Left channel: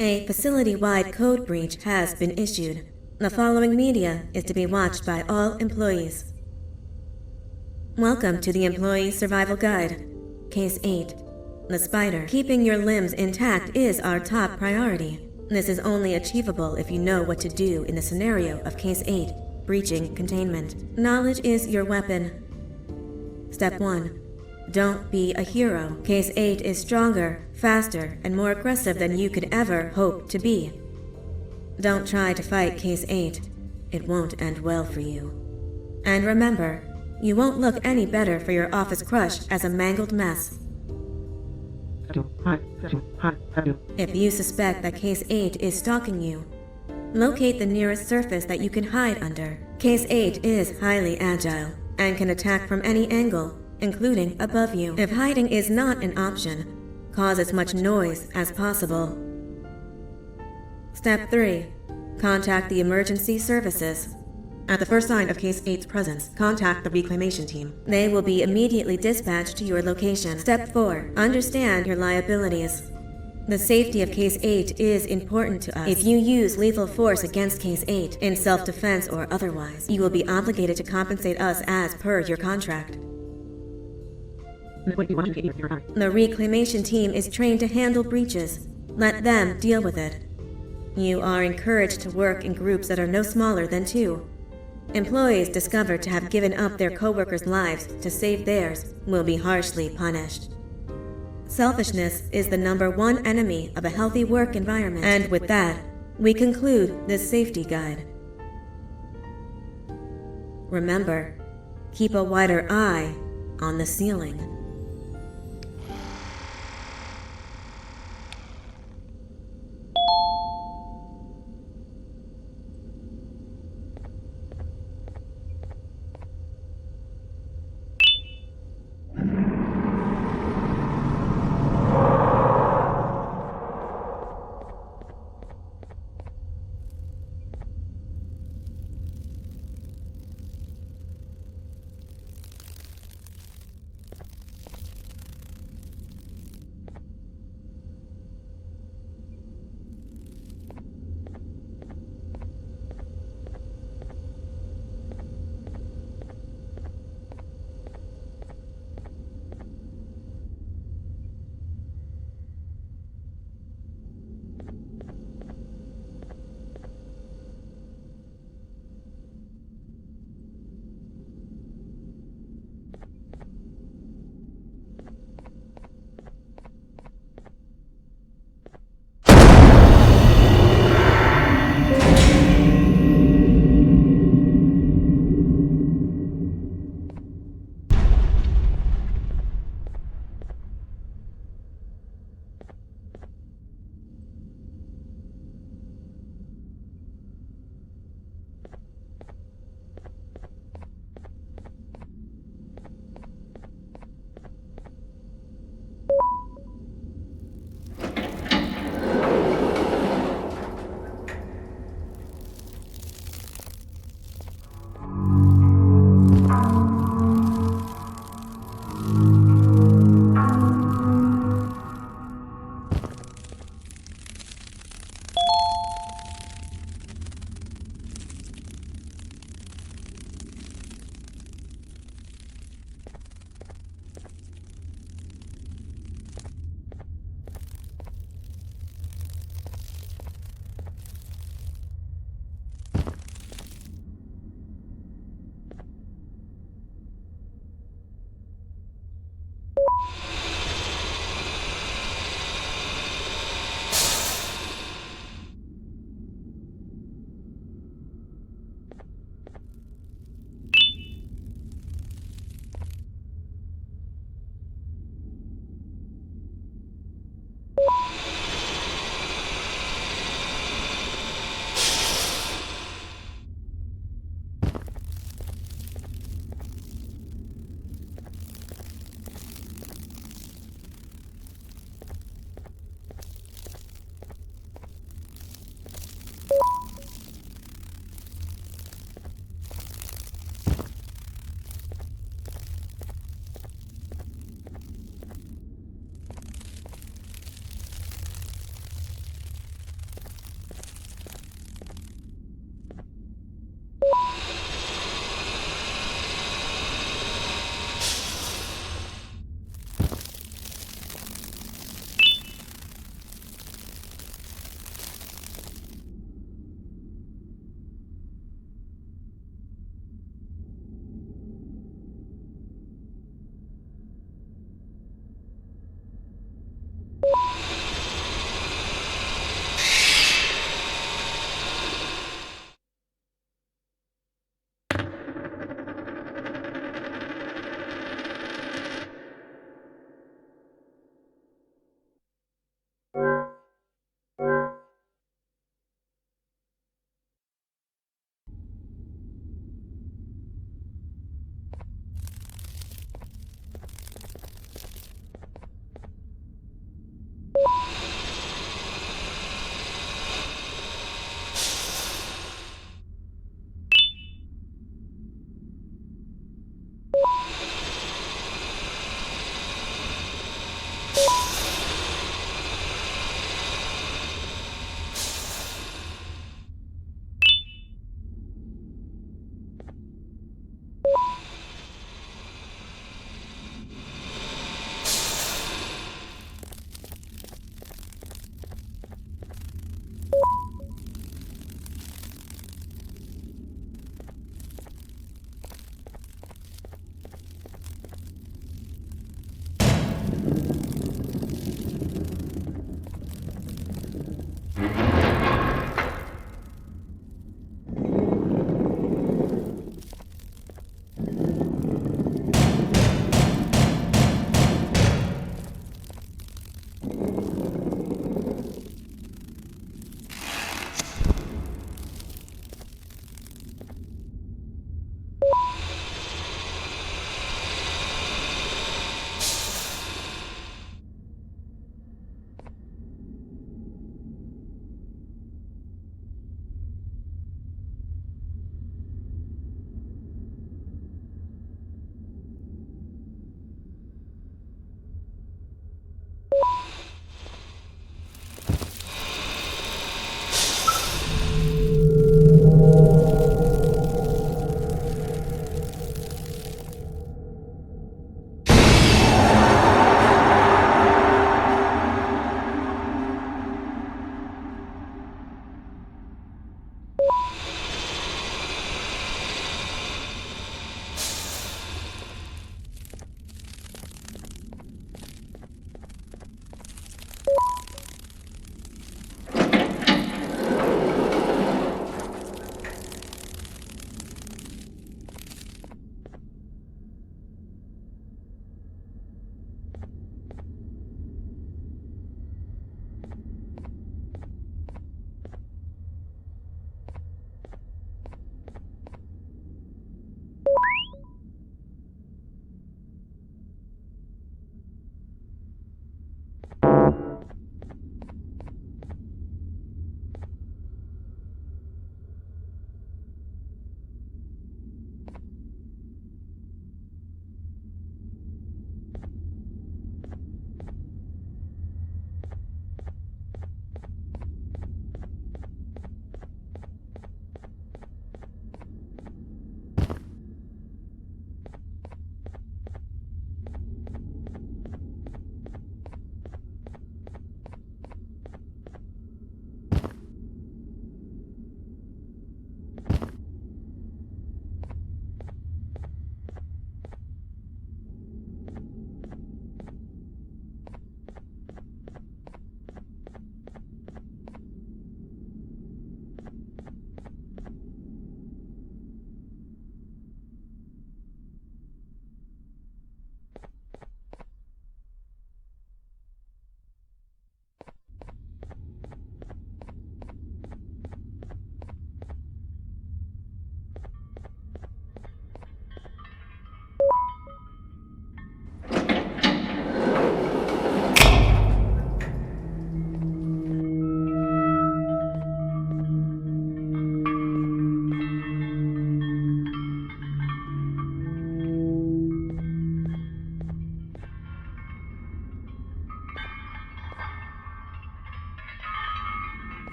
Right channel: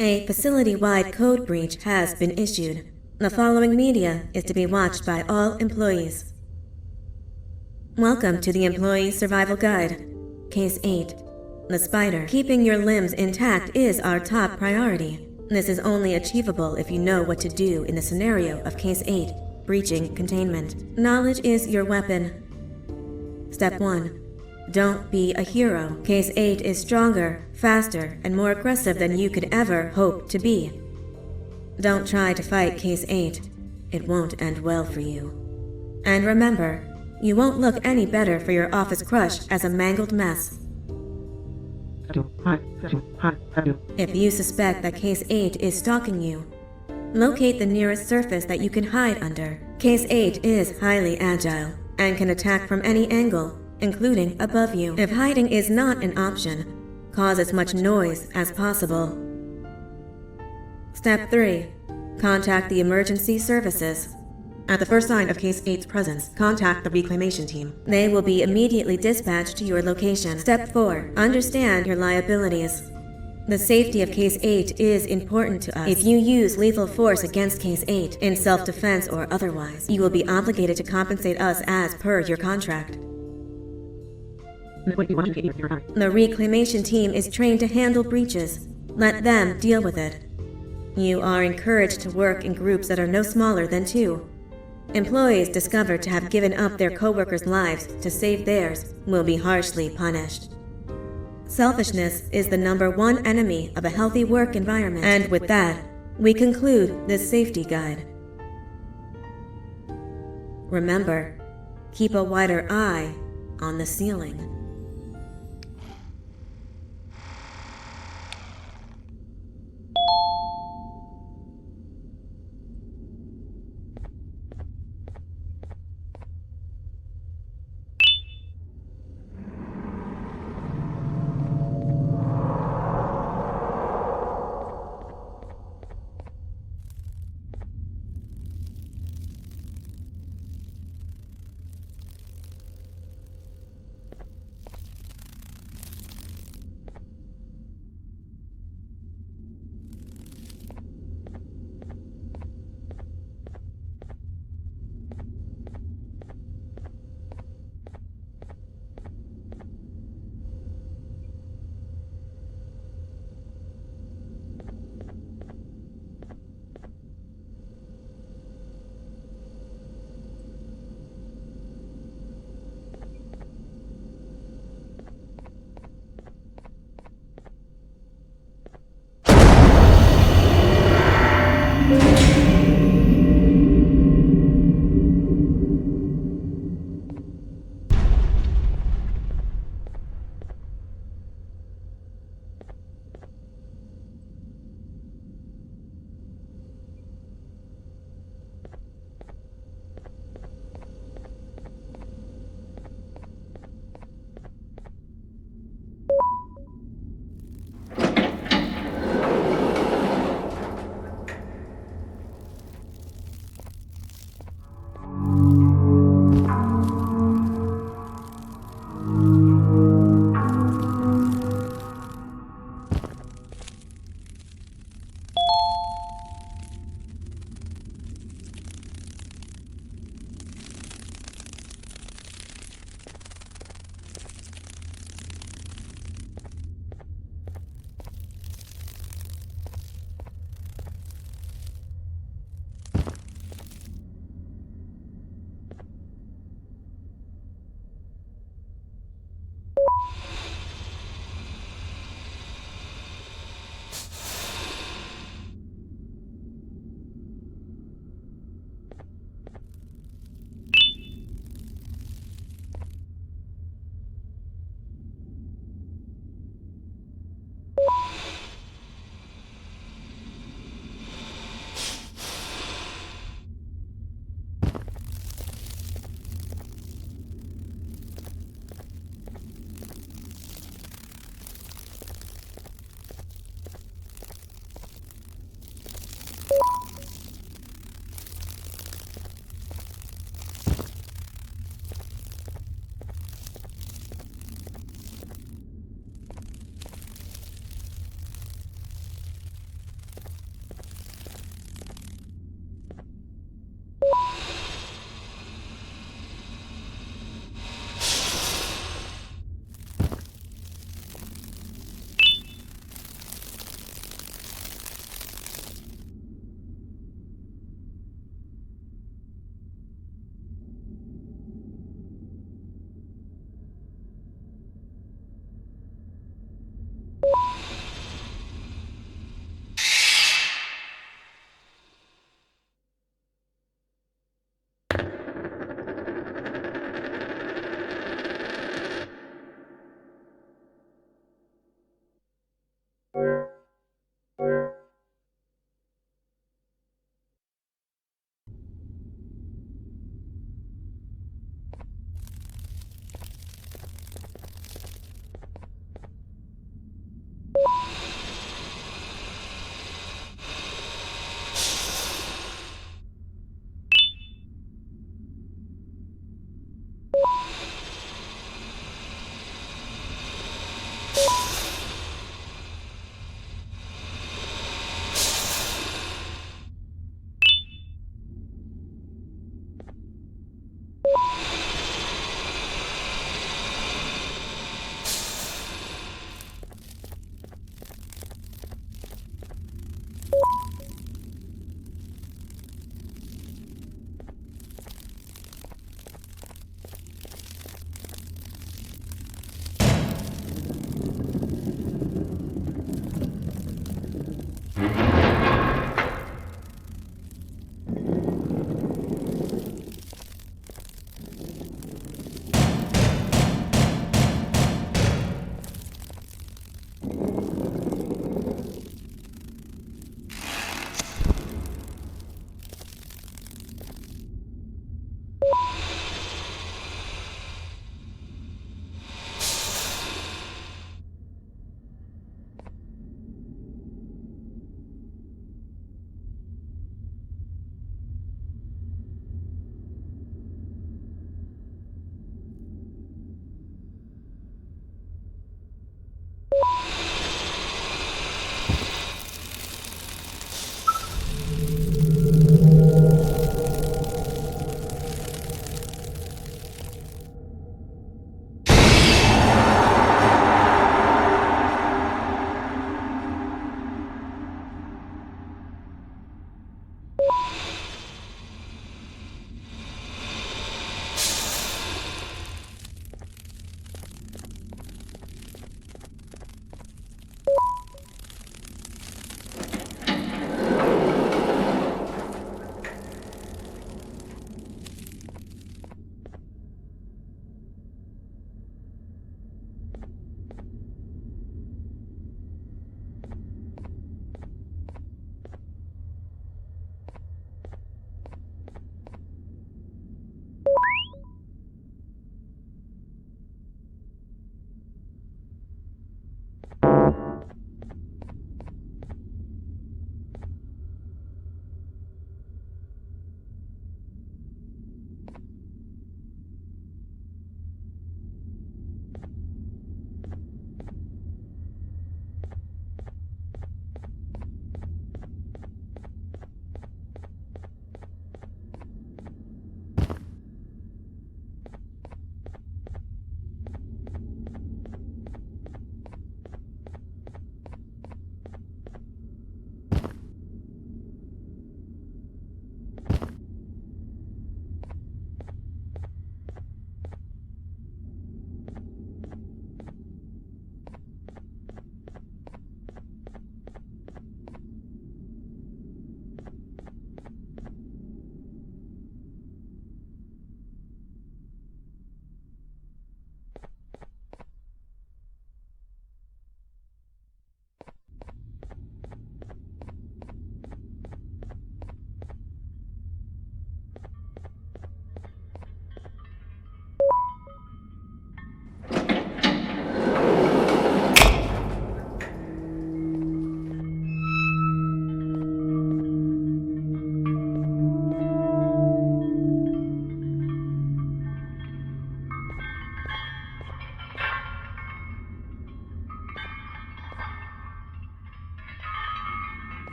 A facility-wide code breach has been issued. The following media is to be watched by all employees. Welcome to the Employee Survival Guide. Case 8. The spider. Keeping your limbs intact is our top priority. This is only achievable if you know what to do in the scenario of Case 8, breaching containment. Knowledge is your weapon. Step 1. Don't be a hero. Case 8 is stronger, faster, and more aggressive than you could ever hope to be. Don't try to fight Case 8. It won't end well for you. And remember, you won't look any better for your office crush as a mangled mess. If you suspect that Case 8 is stalking you, locate the nearest surface that you can hide under. Case 8 is highly agile and can attack from any angle, including above you. If hiding is not an option, cause as much noise as possible. Step 3. Contact the emergency services. At the first sign of Case 8's presence, contact the reclamation team. They will be immediately dispatched to your location. Step 4. Understand your liabilities. The safety of Case 8 is important to us. If you use lethal force against Case 8, in self-defense or otherwise, you will be obligated to compensate us as per your contract. The reclamation team is trained to handle breaches. Let them deal with it. You are encouraged to work in groups that are no smaller than 2. Employees discovered to have given up their co-workers' lives to save theirs will be harshly punished. Selfishness is the #1 enemy of a healthy work environment. And with that, we conclude this safety guide. Remember, keep a wider eye on the ceiling.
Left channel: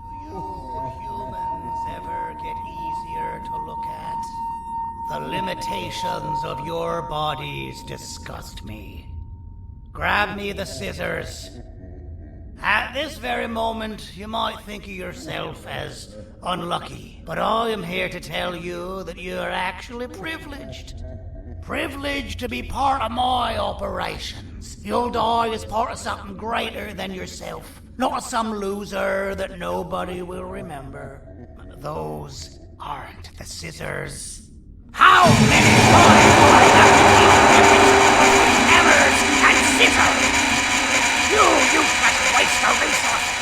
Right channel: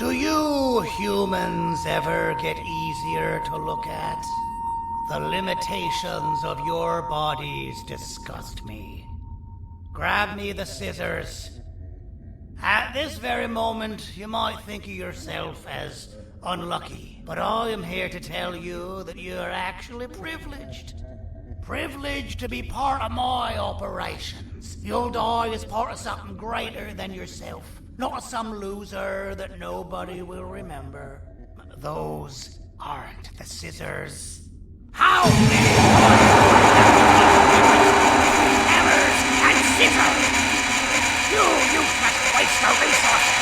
Do you humans ever get easier to look at? The limitations of your bodies disgust me. Grab me the scissors. At this very moment, you might think of yourself as unlucky, but I am here to tell you that you are actually privileged. Privileged to be part of my operations. You'll die as part of something greater than yourself, not as some loser that nobody will remember. Those aren't the scissors. How many times do I have to keep the difference between hammers and scissors? You useless waste of resources!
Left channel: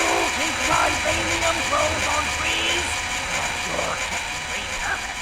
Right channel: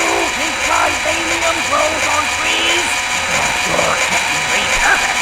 You think vibranium grows on trees? Well, you're getting repurposed!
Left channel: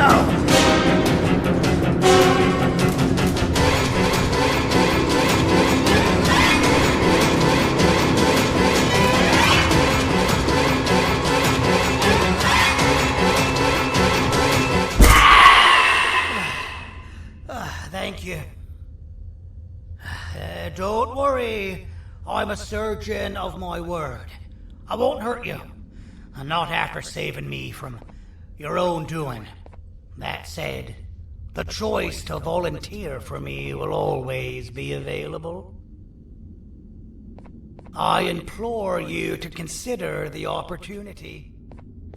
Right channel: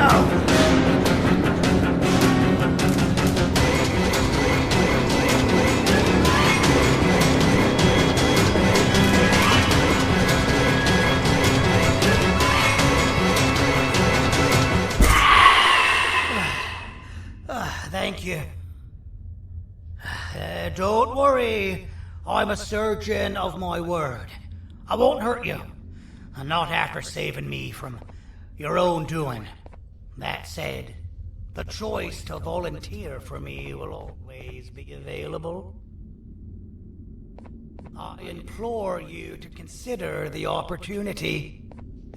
go! Thank you. Don't worry. I'm a surgeon of my word. I won't hurt you. Not after saving me from your own doing. That said, the choice to volunteer for me will always be available. I implore you to consider the opportunity.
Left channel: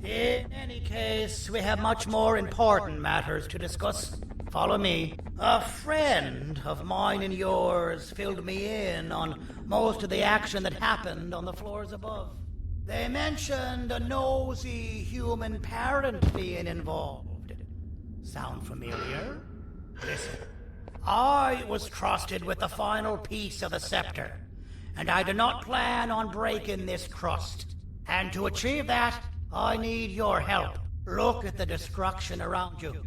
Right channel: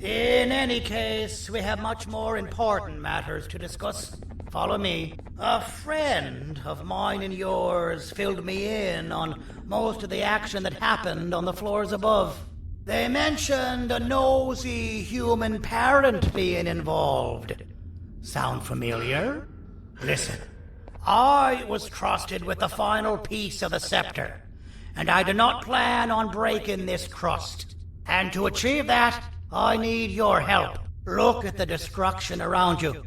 In any case, we have much more important matters to discuss. Follow me. A friend of mine and yours filled me in on most of the action that happened on the floors above. They mentioned a nosy human parent being involved. Sound familiar? Listen, I was trusted with the final piece of the scepter, and I do not plan on breaking this trust. And to achieve that, I need your help. Look at the destruction around you.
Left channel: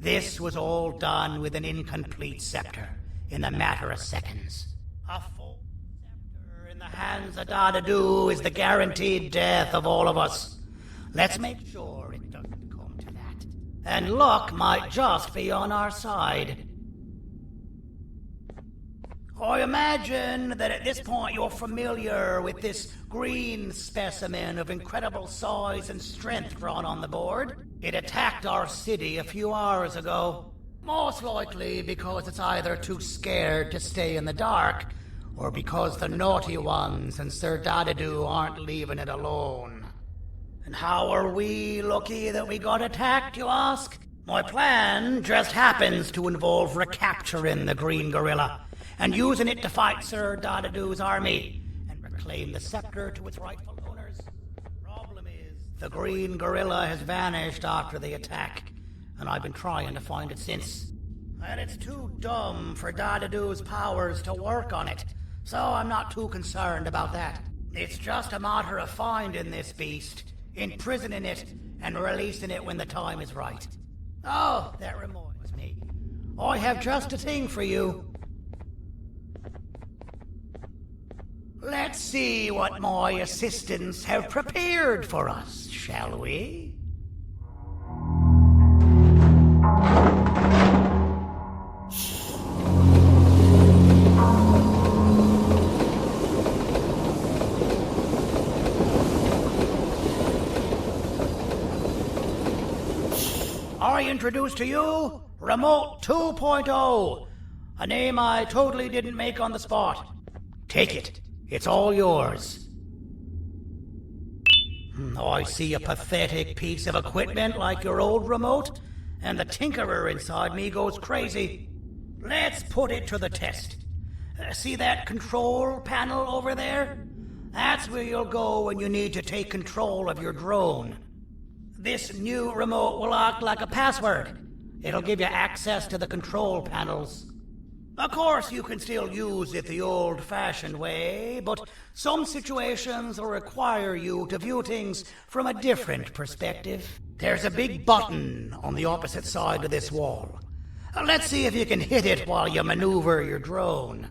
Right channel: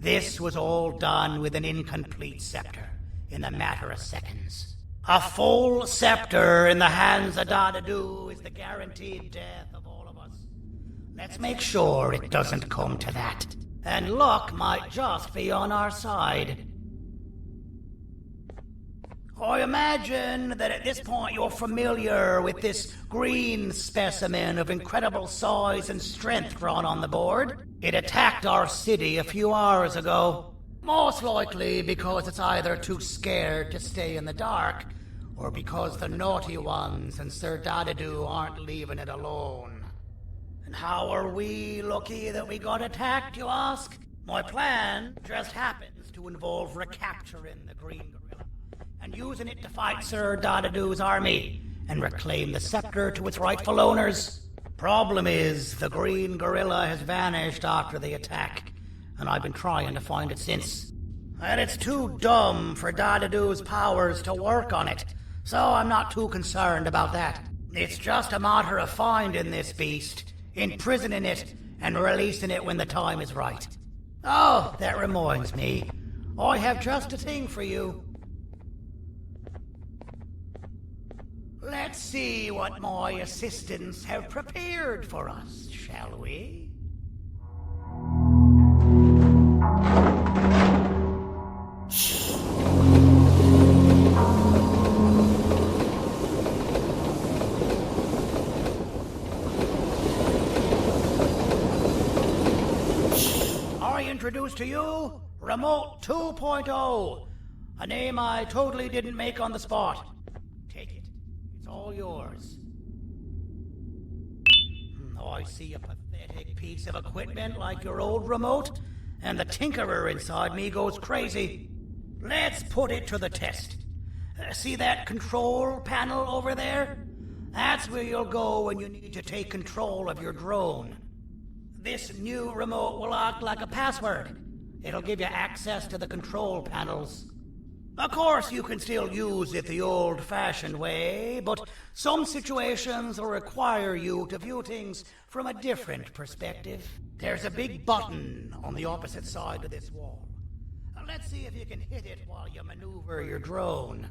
This was all done with an incomplete scepter, in a matter of seconds. A full scepter in the hands of Dadadu is the guaranteed death of all of us. Let's make sure it doesn't come to that. And luck might just be on our side. I imagine that at this point you're familiar with this green specimen of incredible size and strength drawn on the board. It attacked our city a few hours ago. Most likely because it's either too scared to stay in the dark, or because the naughty ones and Sir Dadadu aren't leaving it alone. And how are we lucky that we got attacked, you ask? My plan just happens to involve recapturing the green gorilla and using it to fight Sir Dadadu's army and reclaim the scepter to its rightful owners. Problem is, the green gorilla has vanished after the attack, and I've been trying to find it since. And it's too dumb for Dadadu's powers to work on it, so I'm not too concerned about that. It's just a matter of finding this beast, imprisoning it, and releasing it when the time is right. Oh, that reminds me. I have just a thing for you. Let's see what my assistants have prepared for us, shall we? I introduce to you Remote 2.0, a name I totally didn't make on the spot. Take it. It's all yours. I see a pathetic piece of equipment like your old remote, and the tinkerer inside me goes crazy. Let's put it to the test. See that control panel over there? That's where you'll go when you need to take control of your drone. This new remote will act like a password. It'll give you access to the control panels. Of course, you can still use it the old-fashioned way, but some situations will require you to view things from a different perspective. There's a big button on the opposite side of this wall. Let's see if you can hit it while you maneuver your drone.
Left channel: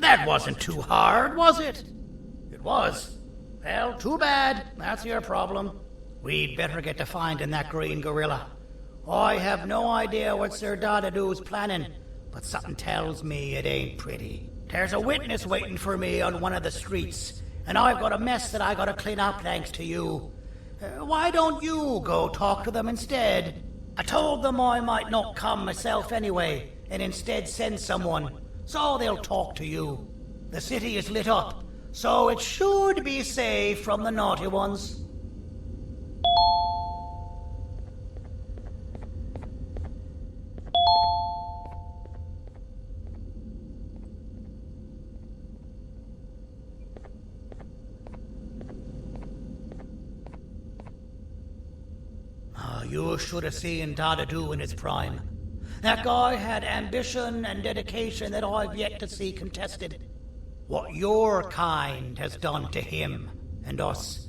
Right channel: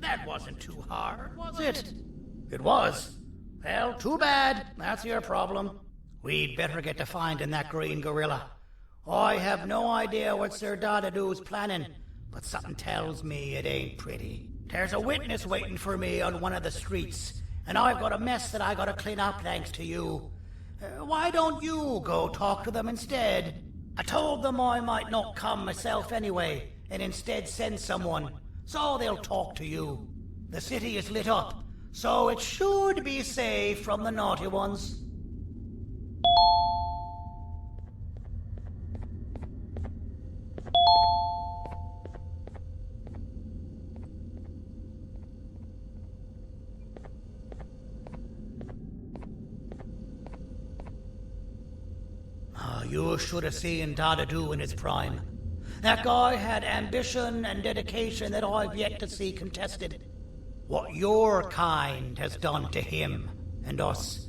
That wasn't too hard, was it? It was. Well, too bad. That's your problem. We'd better get to finding that green gorilla. I have no idea what Sir Dadadoo's planning, but something tells me it ain't pretty. There's a witness waiting for me on one of the streets, and I've got a mess that I gotta clean up thanks to you. Why don't you go talk to them instead? I told them I might not come myself anyway, and instead send someone, so they'll talk to you. The city is lit up, so it should be safe from the naughty ones. You should have seen Dadadoo in his prime. That guy had ambition and dedication that I've yet to see contested. What your kind has done to him and us.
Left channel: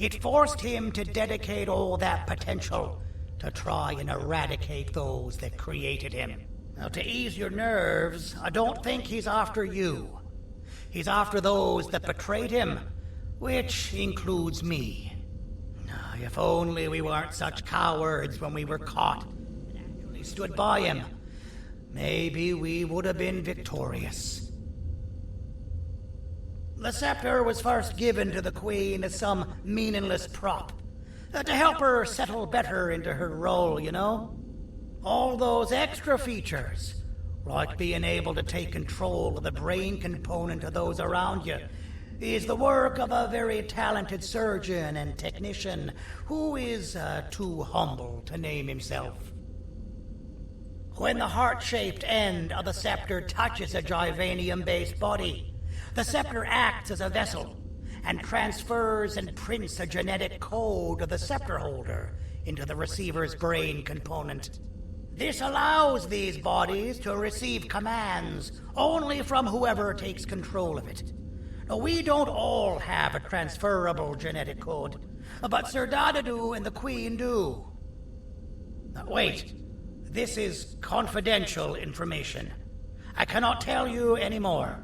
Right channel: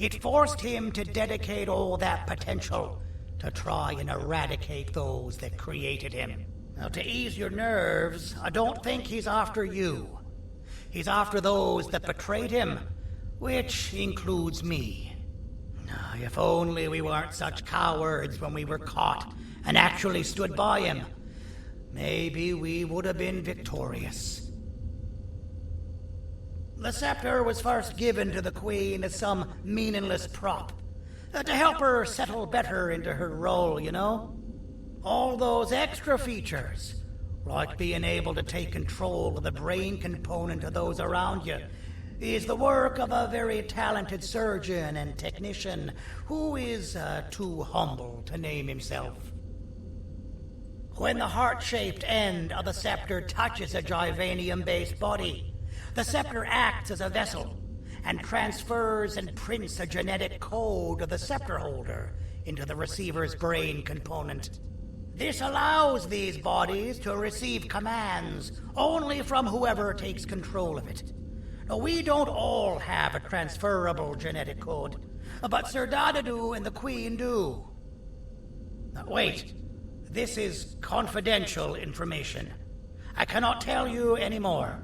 It forced him to dedicate all that potential to try and eradicate those that created him. Now, to ease your nerves, I don't think he's after you. He's after those that betrayed him, which includes me. If only we weren't such cowards when we were caught and actually stood by him, maybe we would have been victorious. The scepter was first given to the Queen as some meaningless prop, to help her settle better into her role, you know? All those extra features, like being able to take control of the brain component of those around you, is the work of a very talented surgeon and technician who is too humble to name himself. When the heart-shaped end of the scepter touches a Givanium-based body, the scepter acts as a vessel and transfers and prints a genetic code of the scepter holder into the receiver's brain component. This allows these bodies to receive commands only from whoever takes control of it. Now, we don't all have a transferable genetic code, but Sir Dadadoo and the Queen do. Now, wait, this is confidential information. I cannot tell you any more.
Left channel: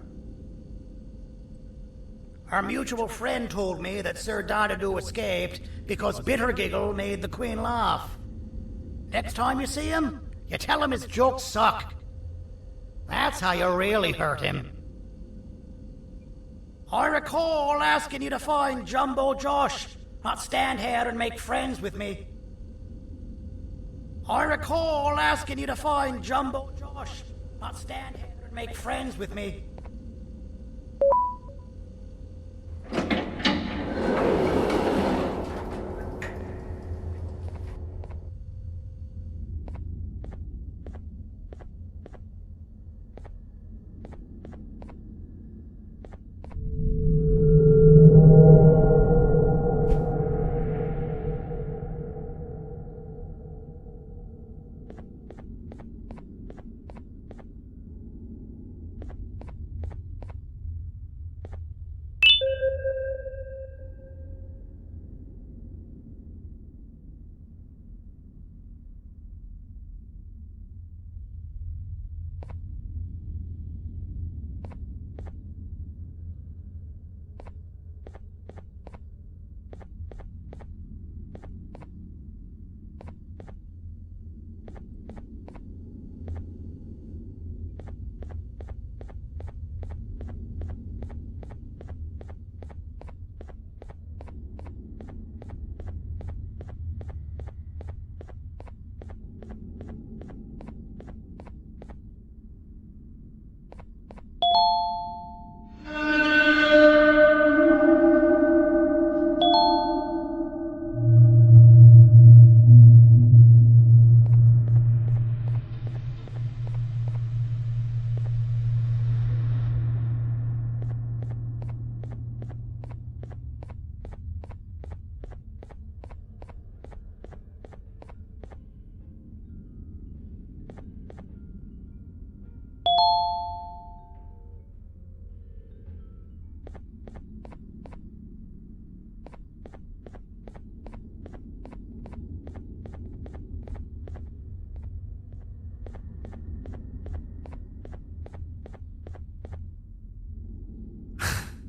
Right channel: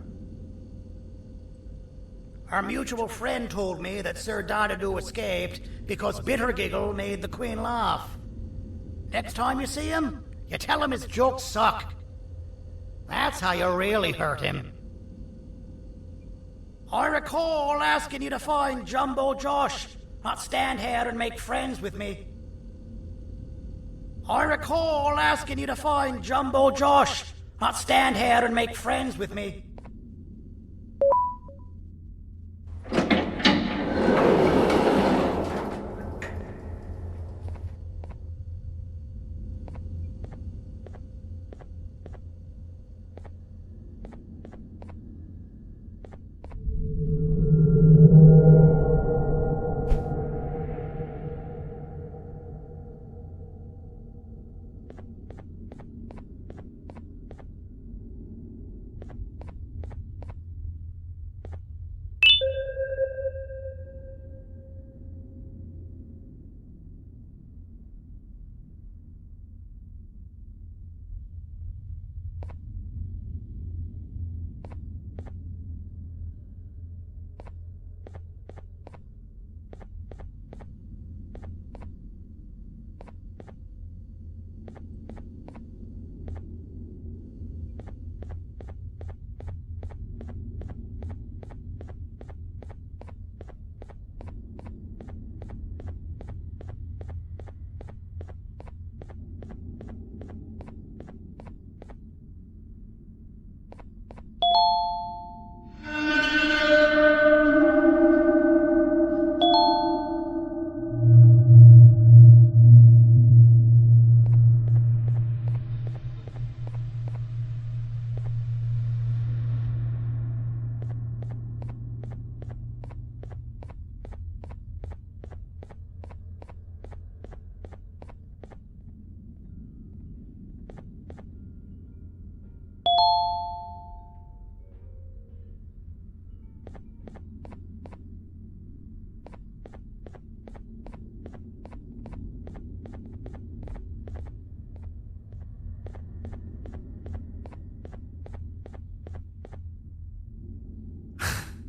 Our mutual friend told me that Sir Dadadoo escaped because Bittergiggle made the Queen laugh. Next time you see him, you tell him his jokes suck. That's how you really hurt him. I recall asking you to find Jumbo Josh, not stand here and make friends with me. I recall asking you to find Jumbo Josh, not stand here and make friends with me.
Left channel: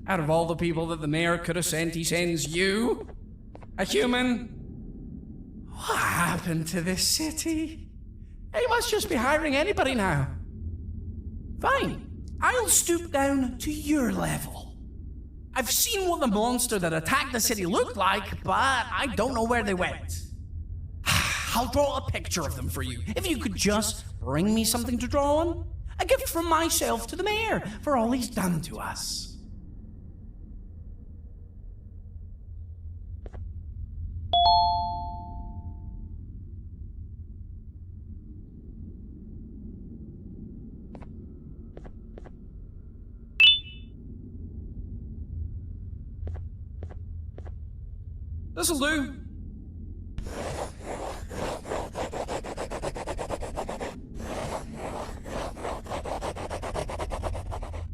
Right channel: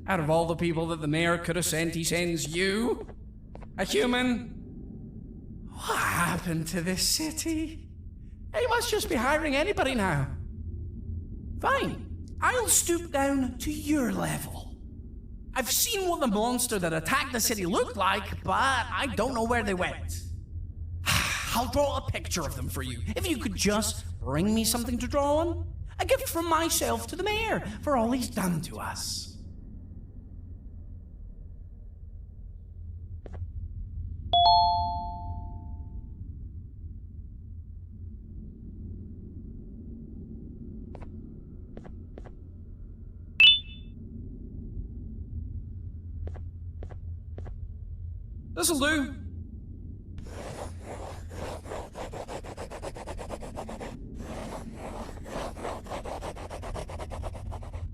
Out of all the people that the mayor could have sent, he sends you? A human? What happened to this city? He must just be hiring anybody now. Fine, I'll stoop down to your level. I've seen what the monster that attacked the city looked like, but I don't know where they went. I'll draw a picture of them for you, if you could just bring me something to draw on. A gift from myself to the mayor for all he's done to us. This'll do.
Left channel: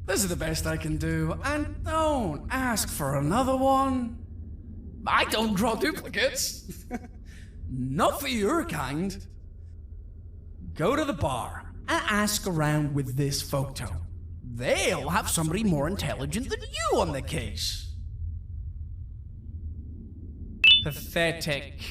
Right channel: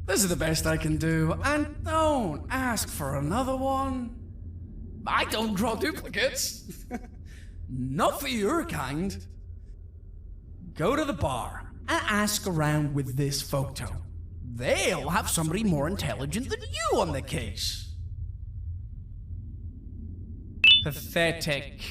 This is the best I can do, and don't ask for another one. I don't draw duplicates. Not for your kind. Go to the bar and ask around with this photo. They'll have somebody more intelligent than you on the case. Pathetic.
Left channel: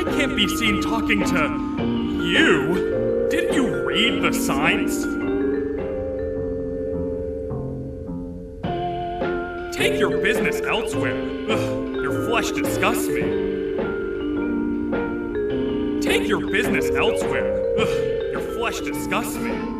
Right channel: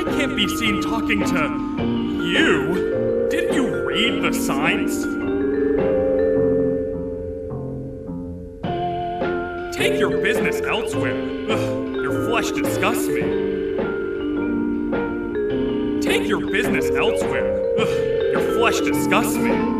I can't be seen talking to you. Didn't you read the signs? Take your business elsewhere. Ugh, your flesh disgusts me. Take your business elsewhere. Ugh, your flesh disgusts me.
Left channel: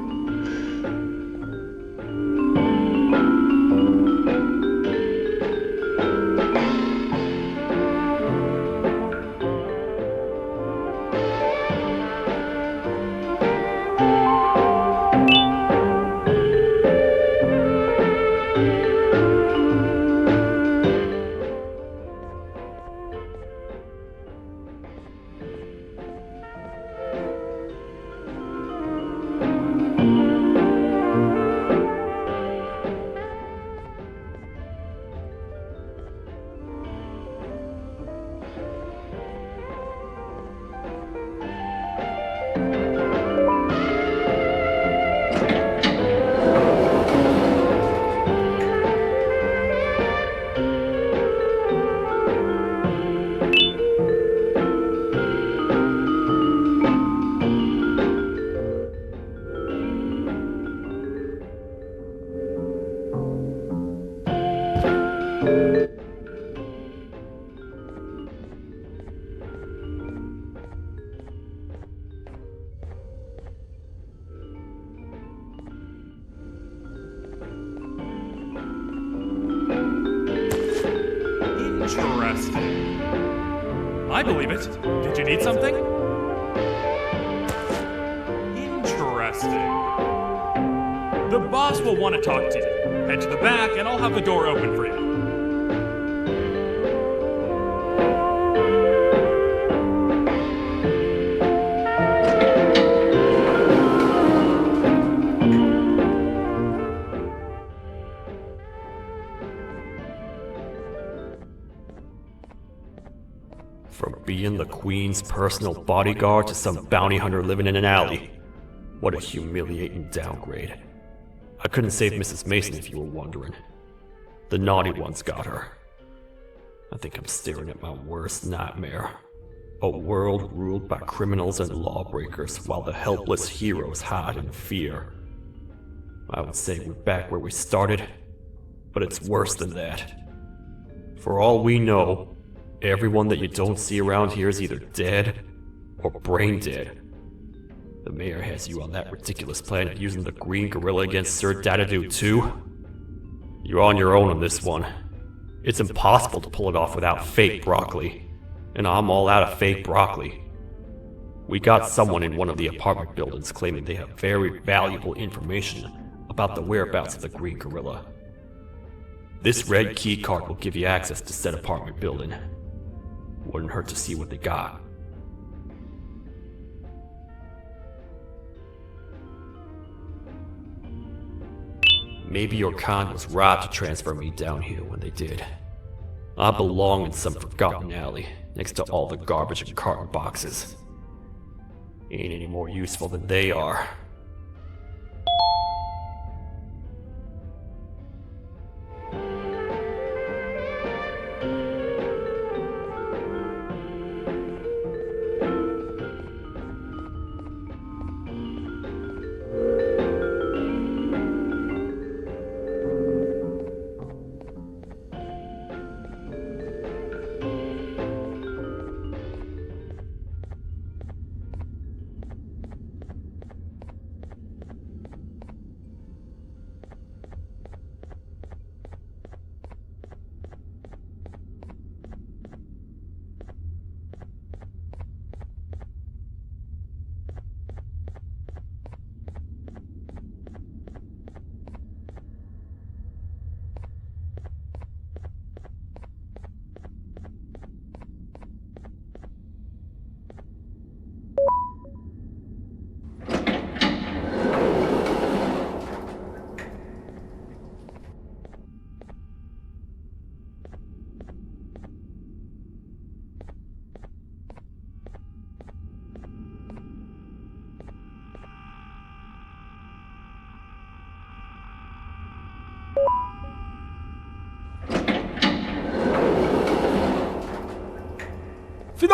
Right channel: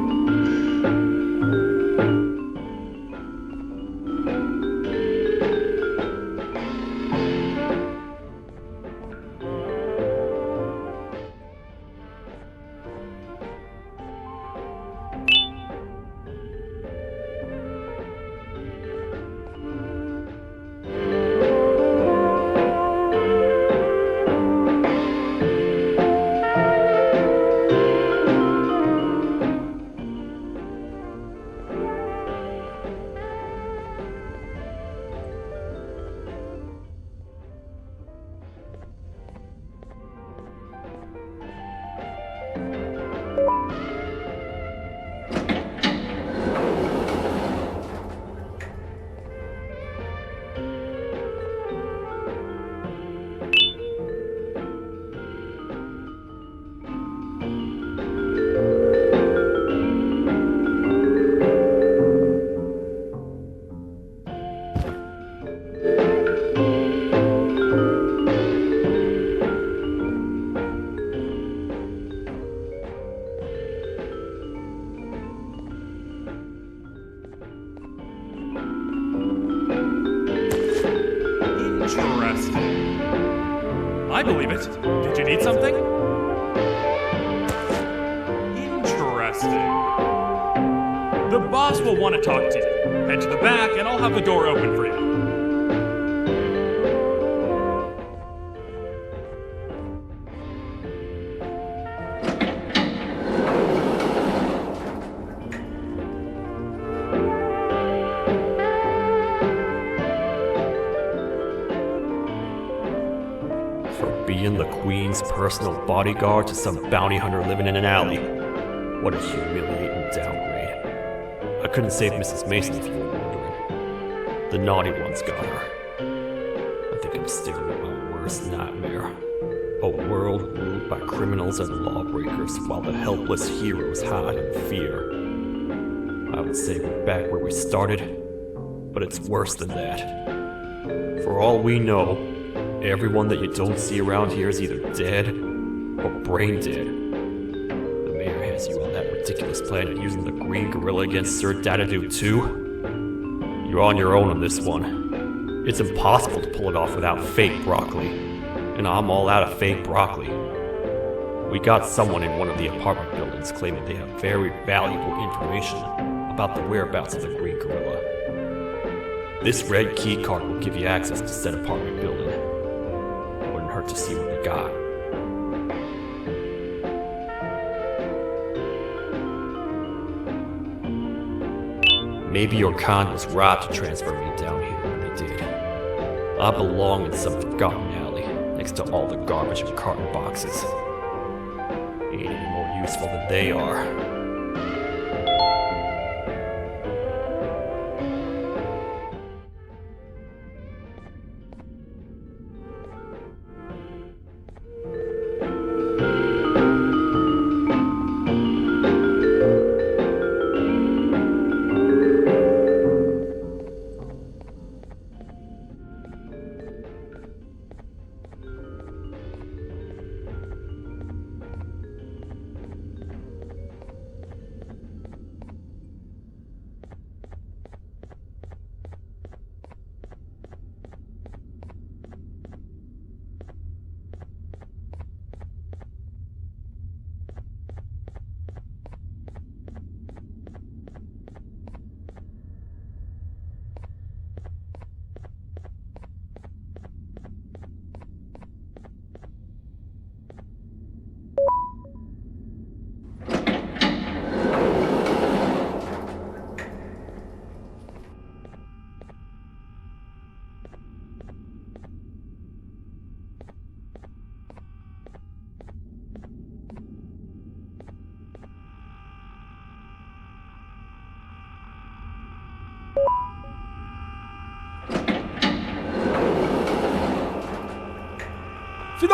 Interesting. I believe it. Did you need something? Interesting. The boss will want to talk to you. Head to the back and I'll have the door open for you. From being the Queen's personal bodyguard to some bounty hunter living in an alley. What a humiliating downgrade. I couldn't save Mrs. Mason if you were wondering. The naughty ones got her. I think I'm staring at my worst nightmare. A world ruled by criminals and lawbreakers while the helpless heroes hide in fear. I would say we're back where we started, but it's worse than that. For all we know, everyone that you don't see around here is either dead or brain dead. The mayor has you on that ridiculous planet using the green gorilla against Sir Dadadoo too. You're on your own on this one. It's impossible to pull it off without fake broccoli. And I'm all out of fake broccoli. We got someone in one of the apartment buildings claiming they have very valuable information about the whereabouts of the green gorilla. This red key card will give you access to said apartment building. Wouldn't hurt to see what they got. Maybe your kind was right to transfer me down here when they did. I belong in some forgotten alley, next to all the garbage and carton boxes. Ain't any more useful than they are.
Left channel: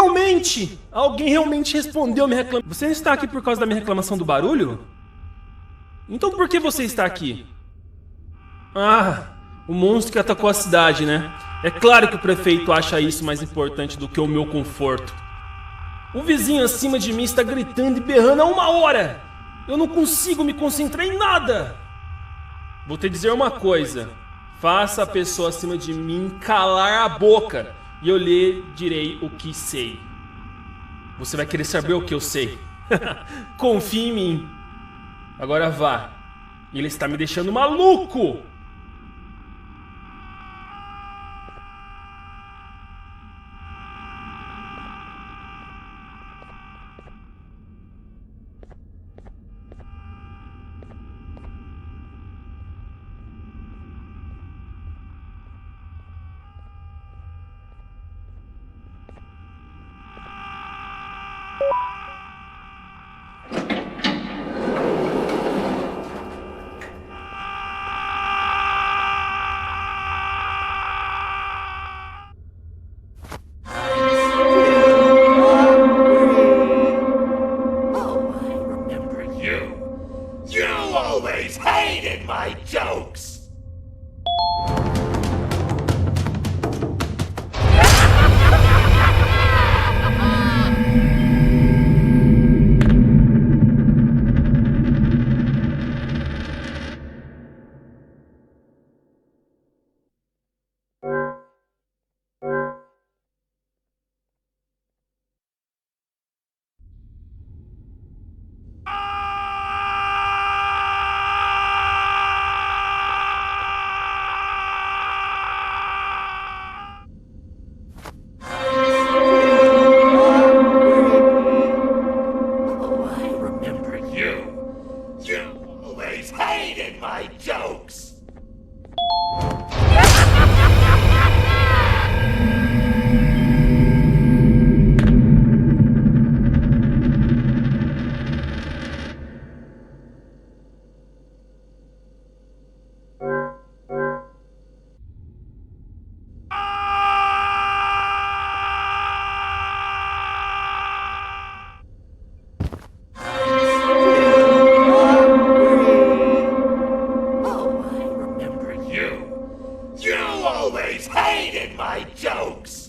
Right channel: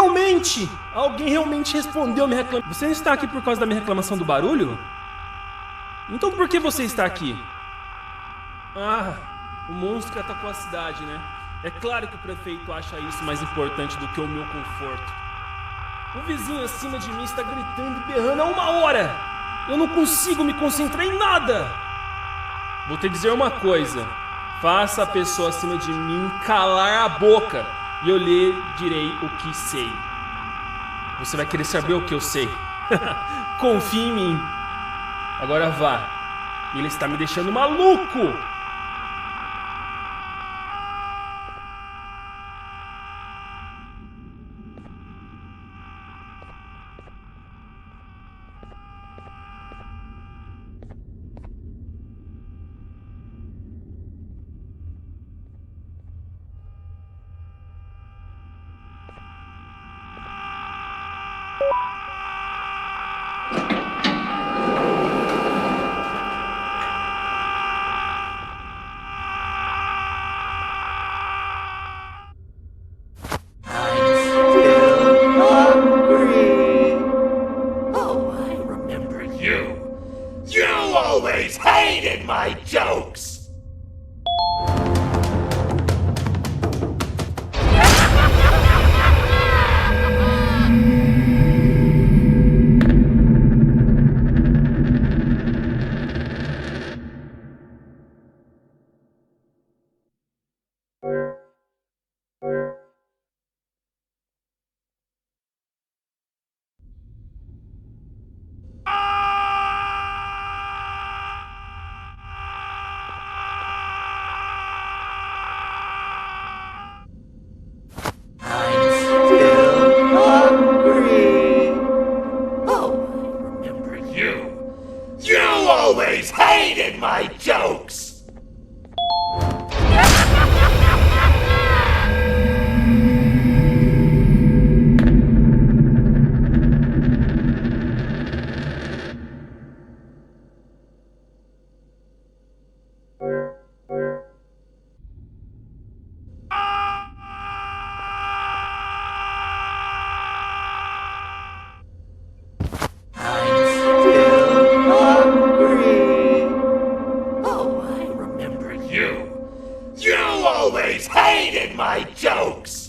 Finalmente! Alguém realmente respondeu minha reclamação. Você está aqui por causa da minha reclamação do barulho? Então por que você está aqui? Ah, o monstro que atacou a cidade, né? É claro que o prefeito acha isso mais importante do que o meu conforto. O vizinho acima de mim está gritando e berrando há 1 hora. Eu não consigo me concentrar em nada. Vou te dizer uma coisa. Faça a pessoa acima de mim calar a boca e eu lhe direi o que sei. Você vai querer saber o que eu sei. Confie em mim. Agora vá. Ele está me deixando maluco. My jokes! My jokes! My jokes!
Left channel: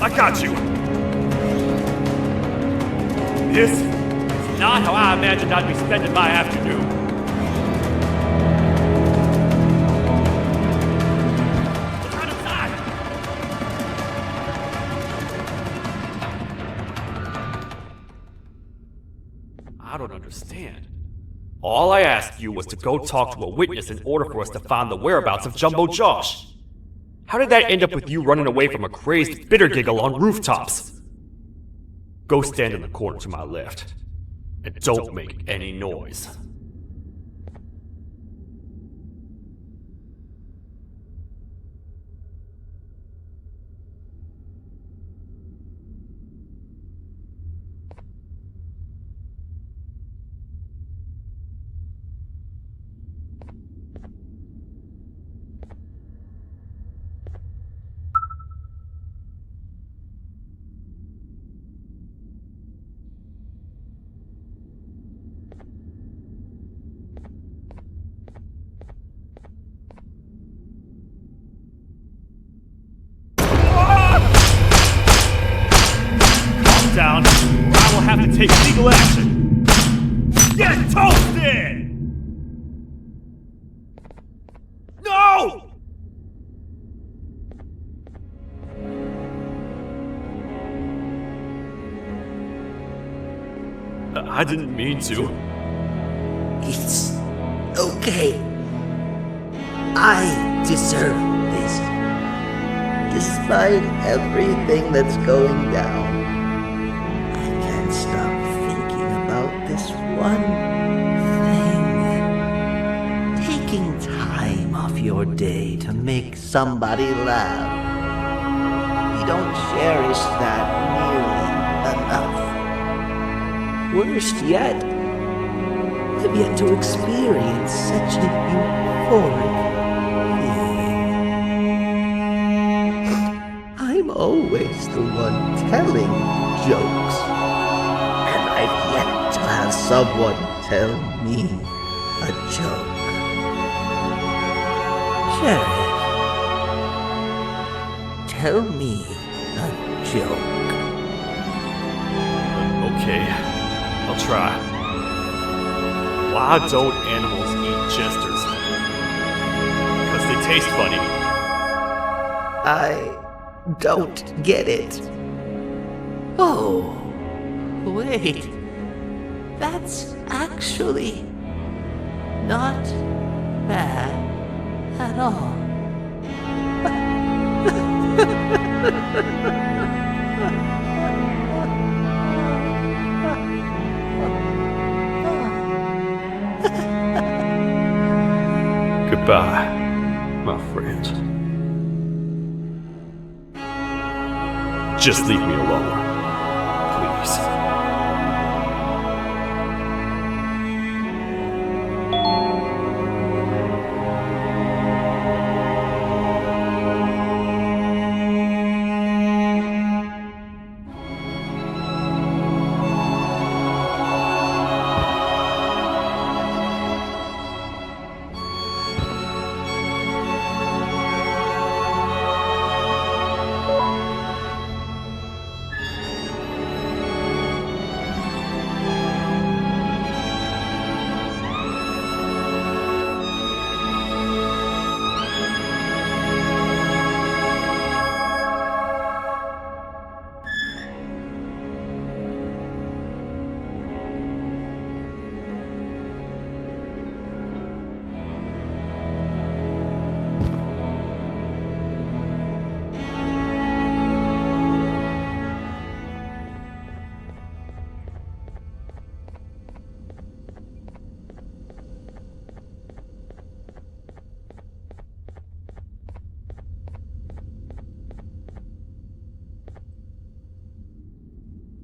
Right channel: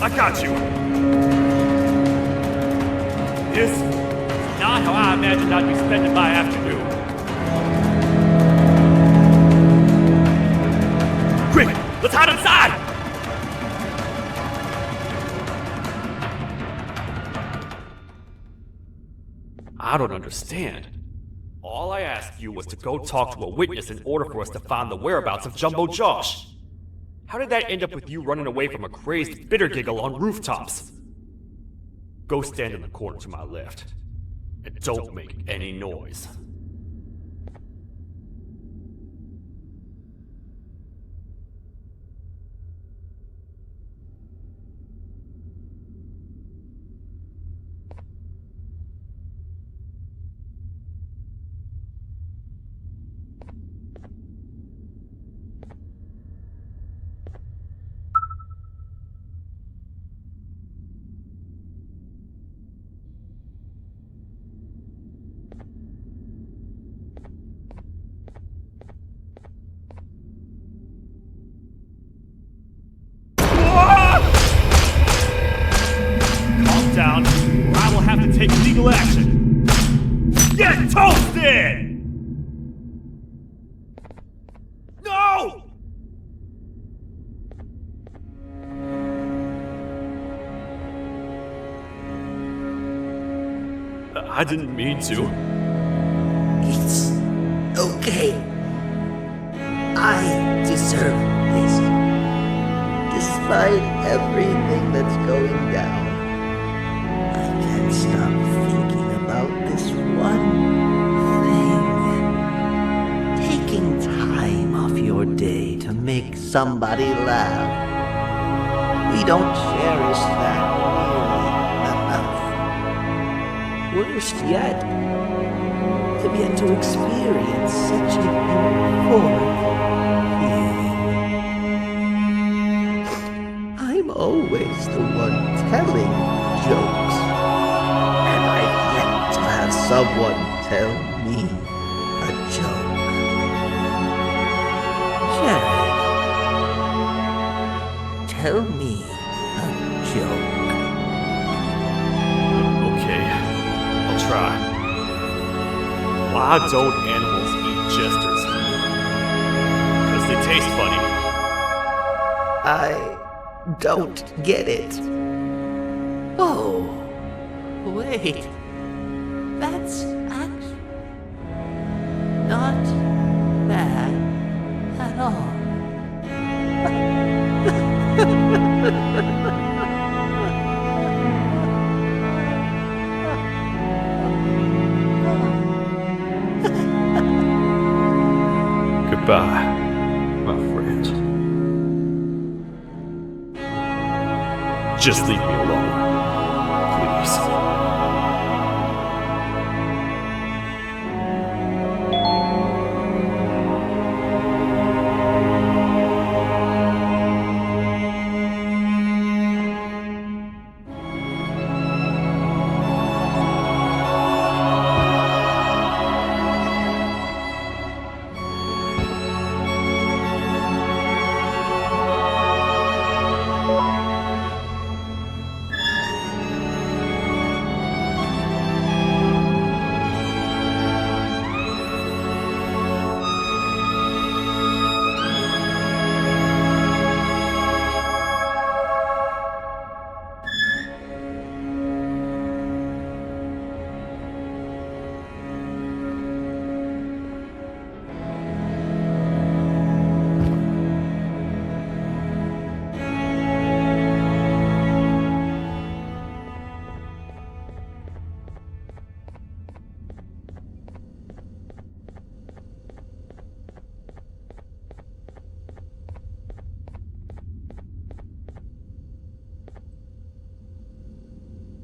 I got you! This is not how I imagined I'd be spending my afternoon. Quick, let's hide inside! I don't understand. All I asked you was to go talk to a witness in order for us to find the whereabouts of Jumbo Josh. How did that end up with you running away from a crazed bitter giggle on rooftops? Go stand in the corner to my left. And don't make any noise. Down, or I will have to take legal action. Get toasted! No! I didn't mean to. It's okay. I deserve this. Despite everything that's going down, I can't stop thinking about this one thing. Taking time off your day to make somebody laugh. We don't cherish that nearly enough. Worst yet, I've yet to experience such a euphoric feeling. I'm always the one telling jokes, and I've yet to have someone tell me a joke. Jared, tell me a joke. Okay, I'll try. Why don't animals eat jesters? Because they taste funny. I don't get it. Oh, wait. That's actually not bad at all. Goodbye, my friend. Just leave me alone, please.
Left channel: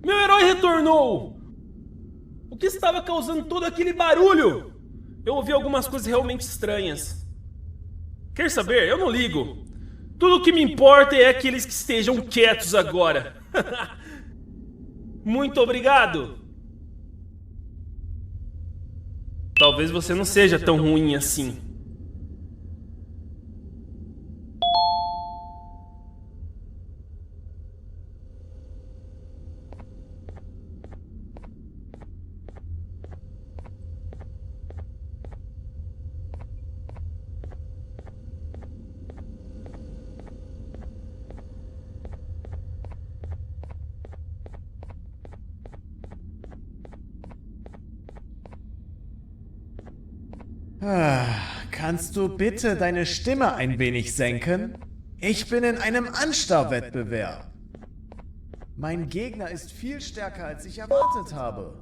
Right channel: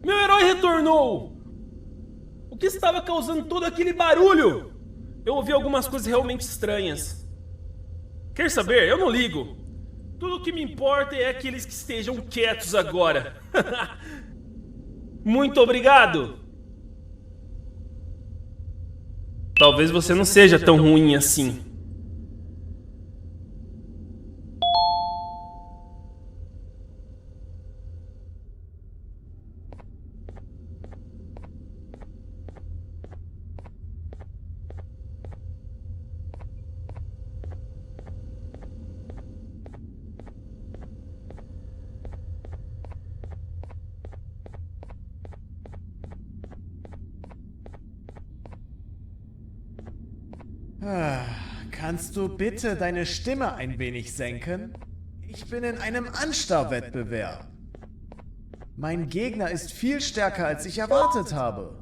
Meu herói retornou! O que estava causando todo aquele barulho? Eu ouvi algumas coisas realmente estranhas. Quer saber? Eu não ligo. Tudo o que me importa é aqueles que estejam quietos agora. Muito obrigado! Talvez você não seja tão ruim assim. Kannst du bitte deine Stimme ein wenig senken? Ich bin in einem Anstarrwettbewerb. Mein Gegner ist viel stärker, als ich erwartet habe.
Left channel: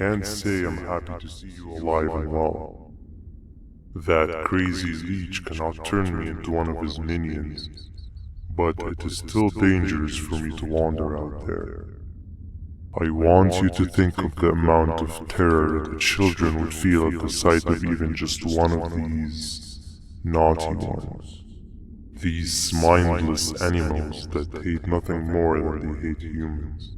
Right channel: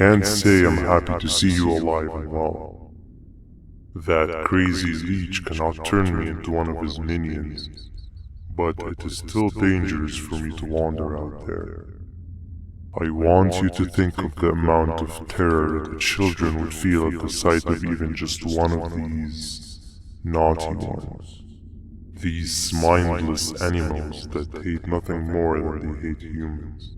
can't say I'm happy to see you alive and well. That crazy leech cannot turn me into one of his minions, but it is still dangerous for me to wander out there. I want you to think of the amount of terror that children would feel at the sight of even just one of these naughty ones. These mindless animals that hate nothing more than they hate humans.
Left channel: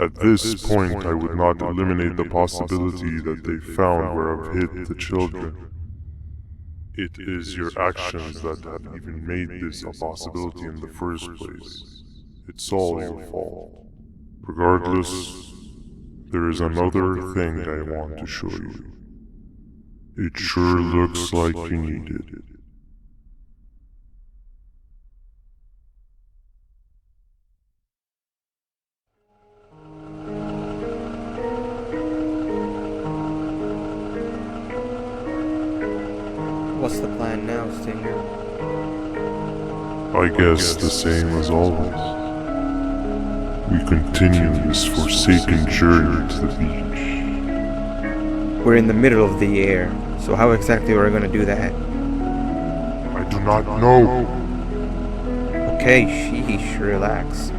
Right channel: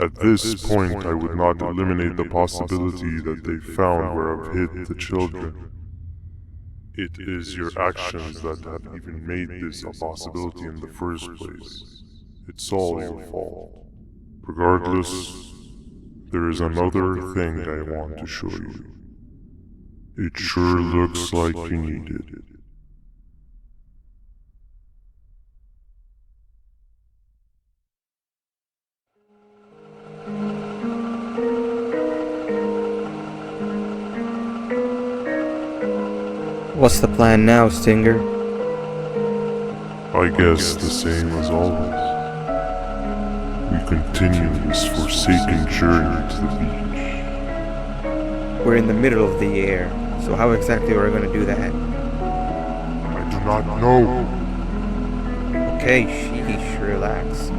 At this point, I would not eliminate the possibility that they found where I've hid the children. It is your actions that have even made this a possibility in the first place. It's all your fault. Regardless, there is another thing I want to show you. It sure looks like you need it. What's the plan now, Stinger? I guess the same as always. We continue this forsaken journey to the beach. We're in the middle of the air, so how exactly are we going to do that? I do not know. Okay, sheesh, relax.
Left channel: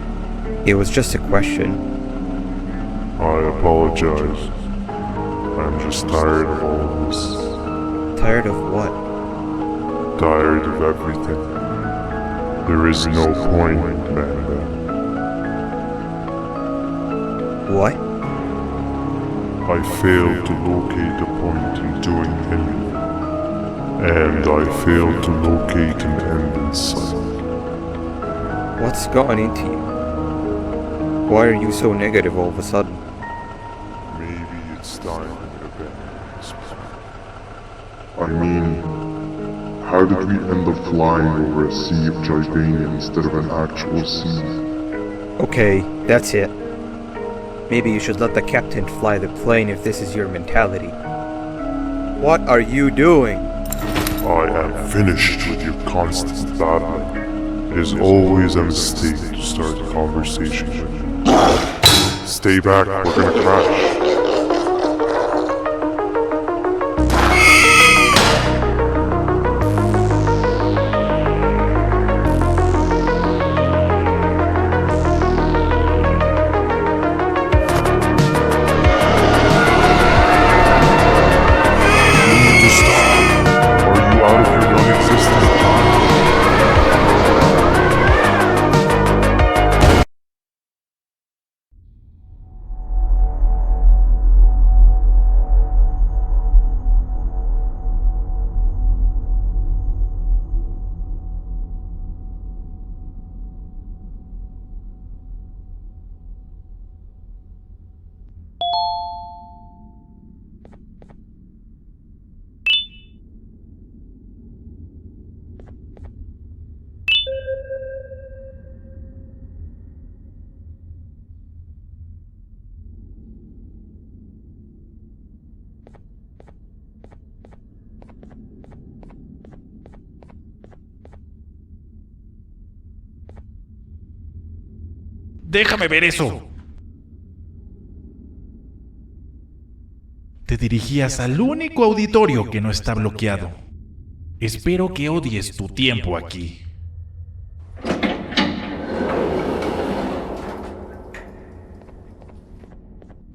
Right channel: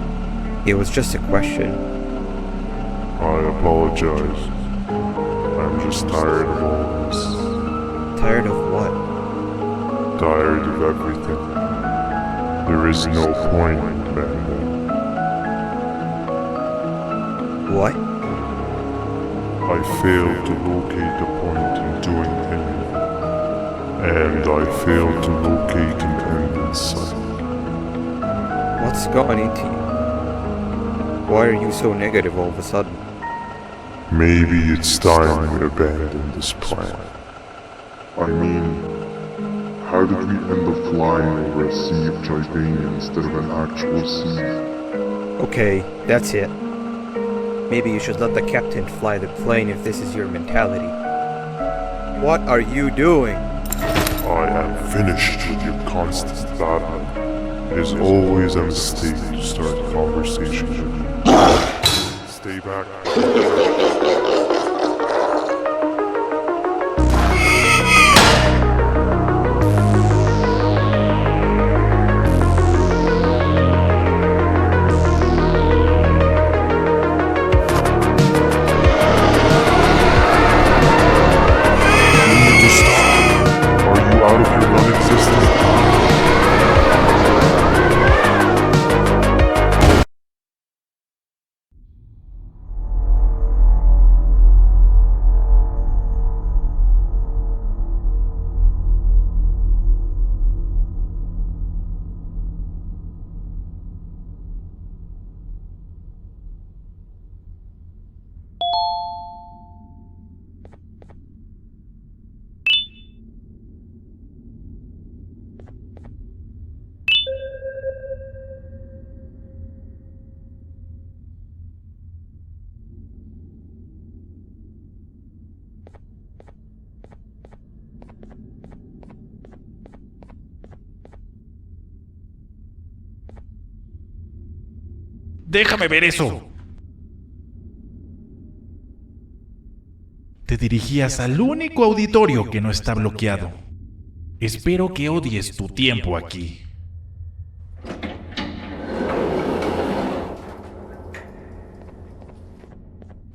It was just a question. I apologize. I'm just tired of all this. Tired of what? Tired of everything. There is no point, Banban. What? I failed to locate a point in doing anything. And I failed to locate an end in sight. What's gone into you? Why are you so negative all of a sudden? Maybe it's time we abandon this plan. I mean, how did we end up flying over a sea of Jordania instead of an actual sea? Okay, that's it. Maybe you should let the captain fly the plane if this is your mentality. What are you doing? I am finished with your constant babbling. It is always a mistake to start a conversation with you. Stay back, we're gonna crash. Déjame ver eso. Te dirigías al único auditorio que no está bloqueado. Espero que odies tu tiempo aquí.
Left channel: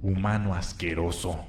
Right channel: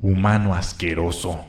Humano asqueroso.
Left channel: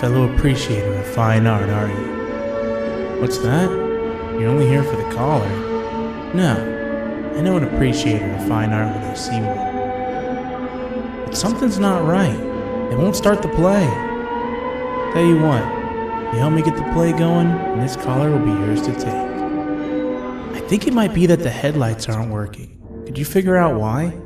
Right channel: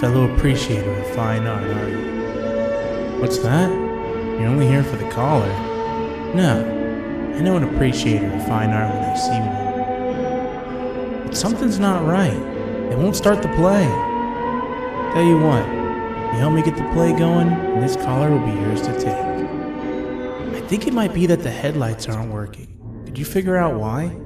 fellow appreciator of fine art, are you? What's that? You're only here for the collar? No, I know an appreciator of fine art when I see one. But something's not right. They won't start the play. Tell you what, you help me get the play going, and this collar will be yours to take. I think it might be that the headlights aren't working. Could you figure out why?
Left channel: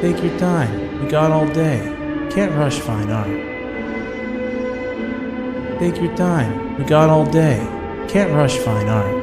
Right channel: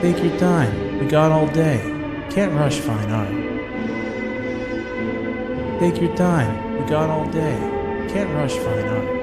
Take your time. We got all day. Can't rush fine art. Take your time. We got all day. Can't rush fine art.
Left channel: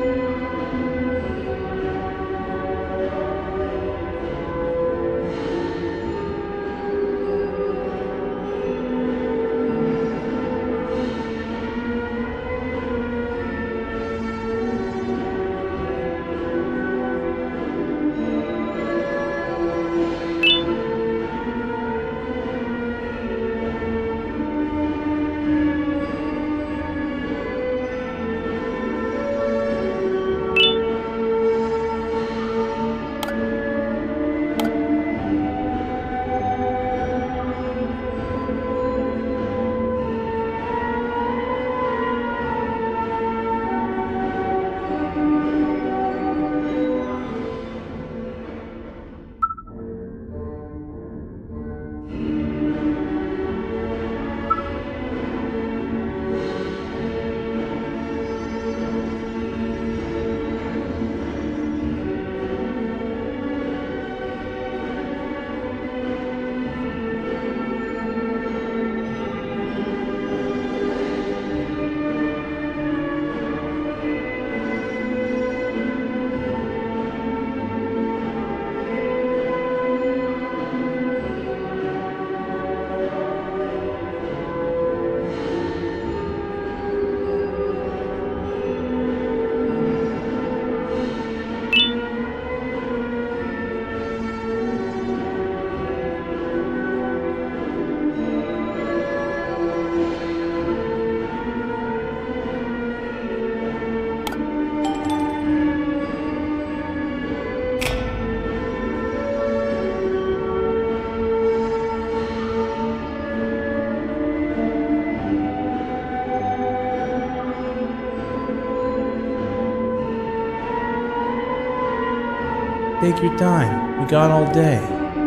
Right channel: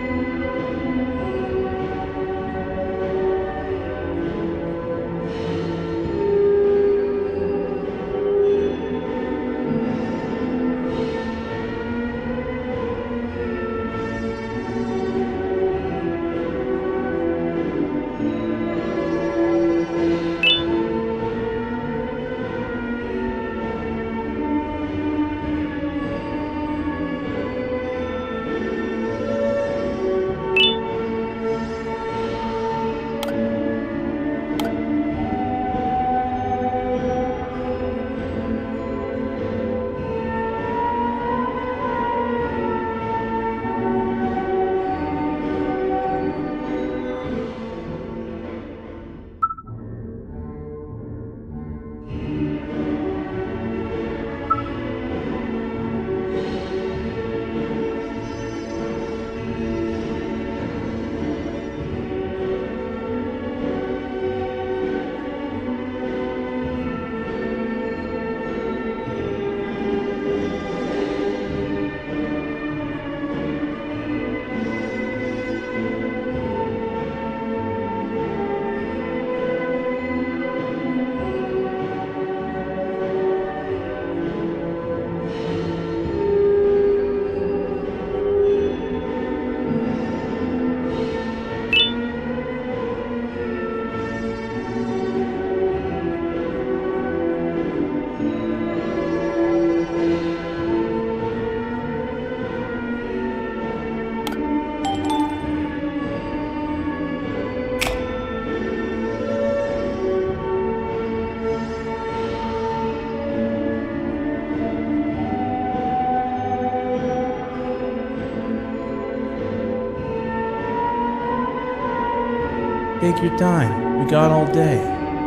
Take your time. We got all day.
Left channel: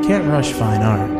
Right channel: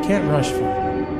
Can't rush fine art.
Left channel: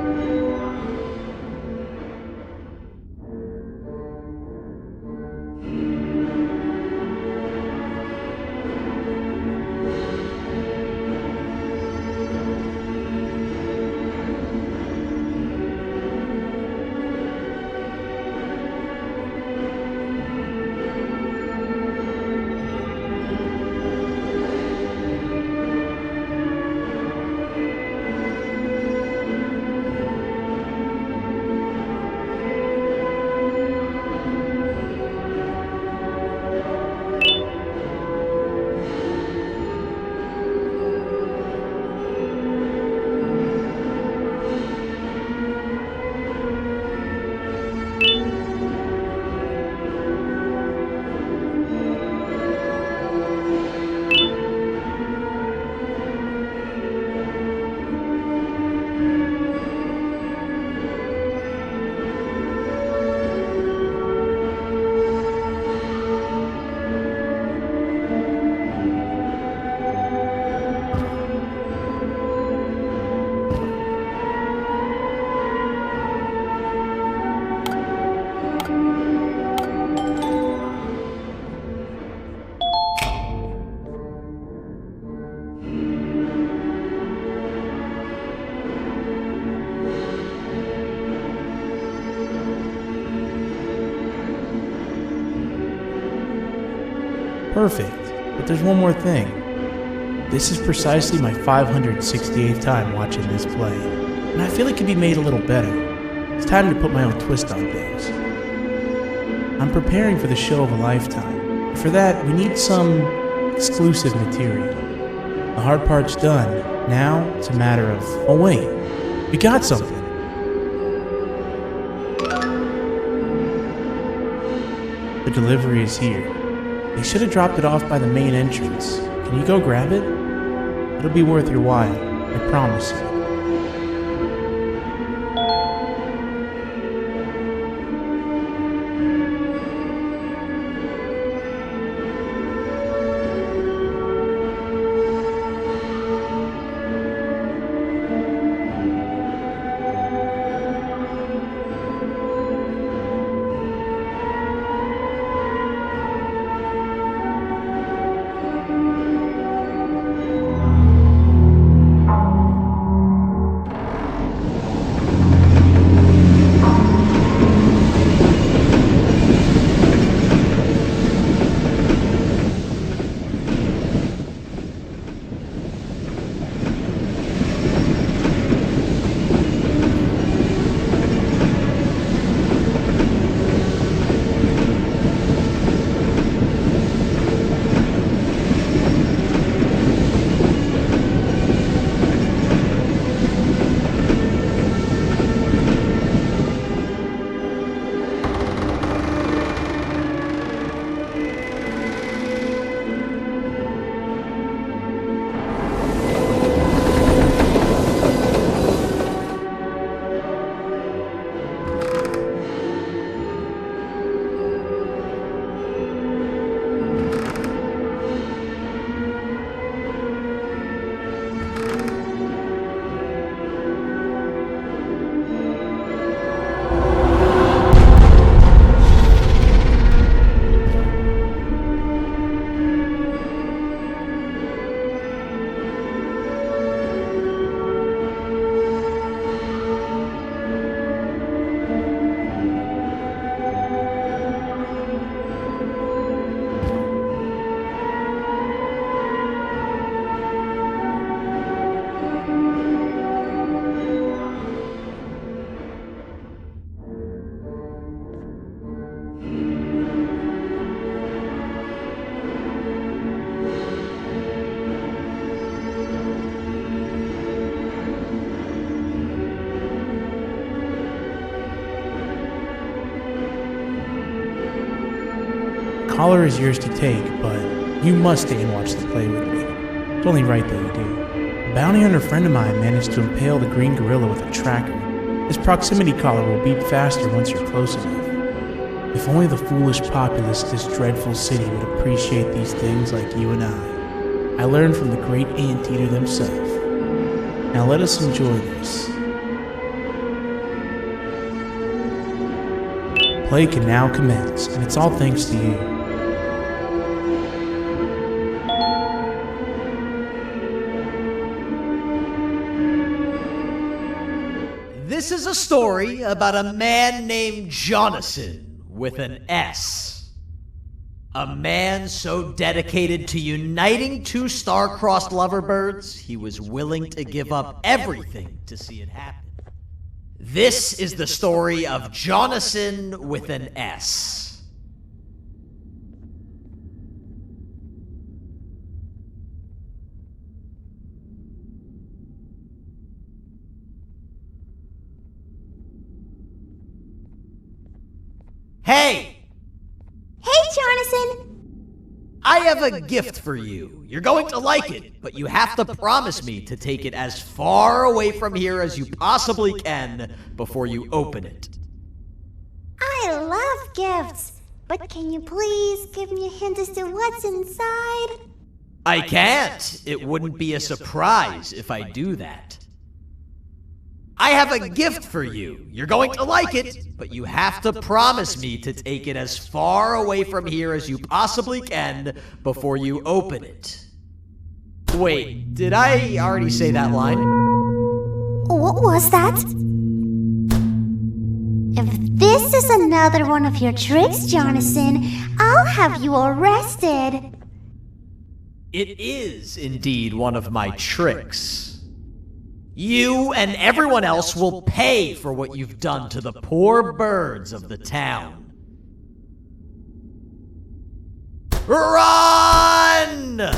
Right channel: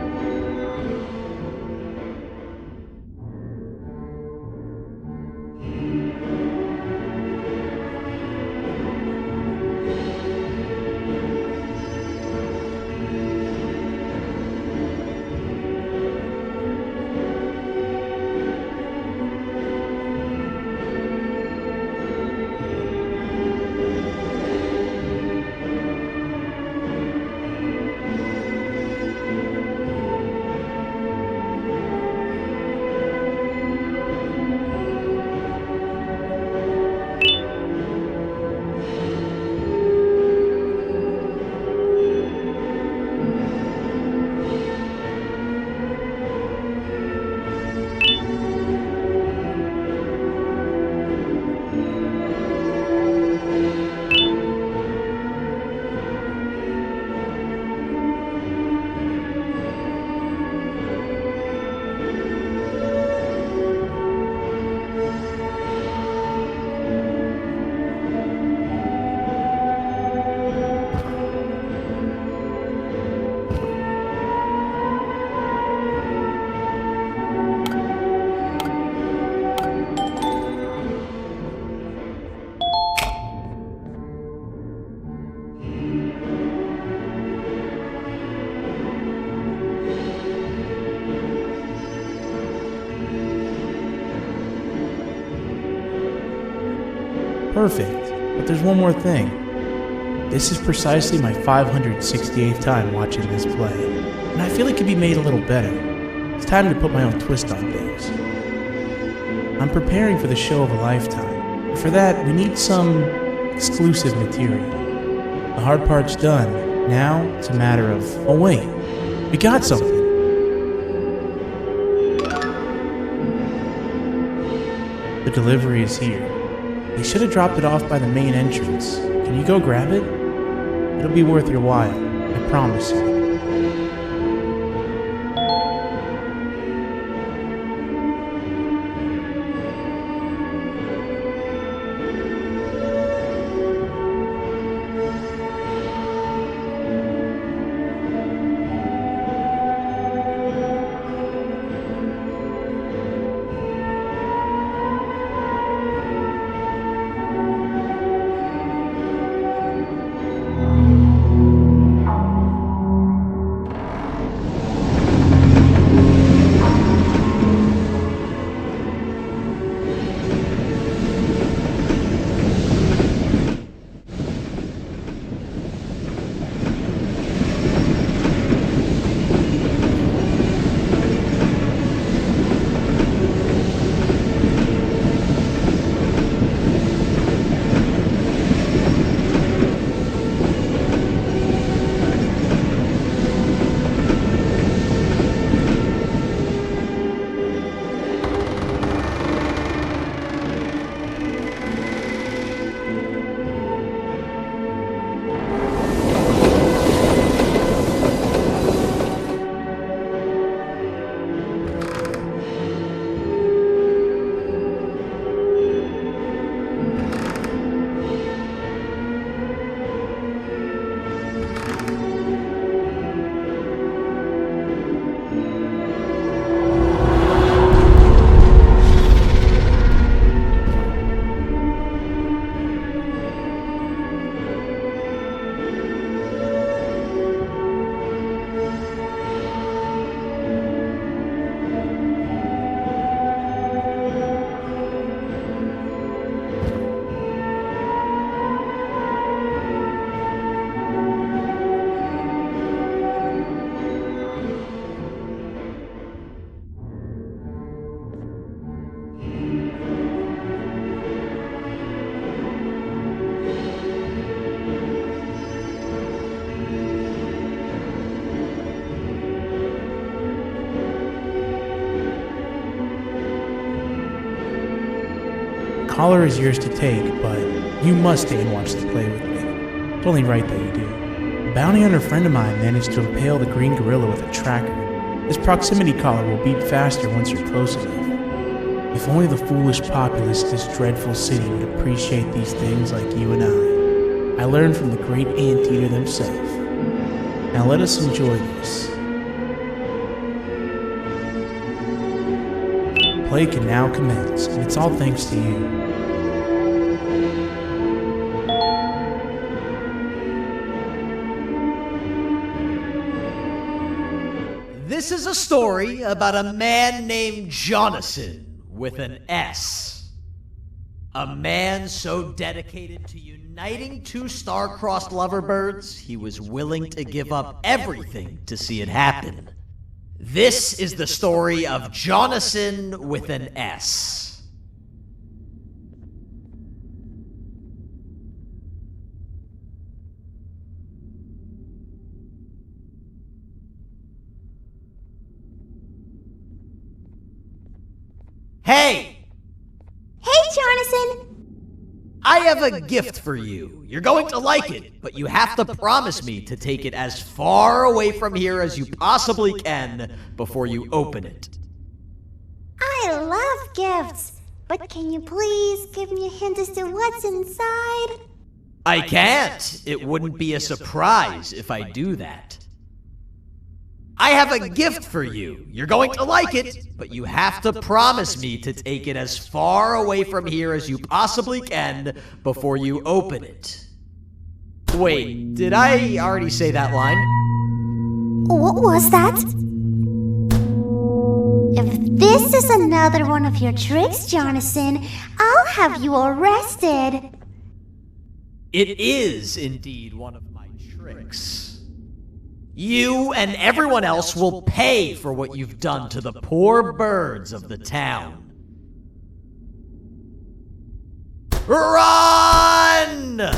Perfect. But there's one more thing. This is precisely my 568th time watching this play, and I feel it could be made a little better. It's time to put my own twist on things. I'm preparing for the show of a lifetime. For that, we need some exclusive material. The hard part's done. Now, it's a matter of... Oh wait, we got something. The delivery is here. They should have dropped it off by the main entrance. Can you go grab it? It'll be worth your while, I promise you. Collar is yours to take, but you must stay and watch the play with me. It's only right that you do. A bounty hunter friend of mine managed to impale the green gorilla with a tracker. This proximity collar will beep faster once you're close enough. If only the foolish populace of this dreadful city would appreciate these things like you and I. I learned from the great anteater themselves. Now let us enjoy this. Play can now commence, and it's all thanks to you. This is a story about a man named Jonathan with an S. A man so dedicated to uniting two star-crossed loverbirds, he was willing to give up everything to see it happen. This is the story of Jonathan with an S. Hey! Hey, Jonathan! I have a gift for you. You're going to like it, but you have to promise me to take it as far away from here as you possibly can before you open it. I love gifts, but can you please give me a hint as to what's inside? I can't. It wouldn't be a surprise if I do that. I have a gift for you. You're going to like it, but you have to promise me to take it as far away from here as you possibly can before you open it. Wait, did I already say that line? What was that? If this is another one of your tricks, Jonathan, I'll have you arrested. It is indeed one of my tricks. You and everyone else will pay for what you've done to the poor birds of the town. Run!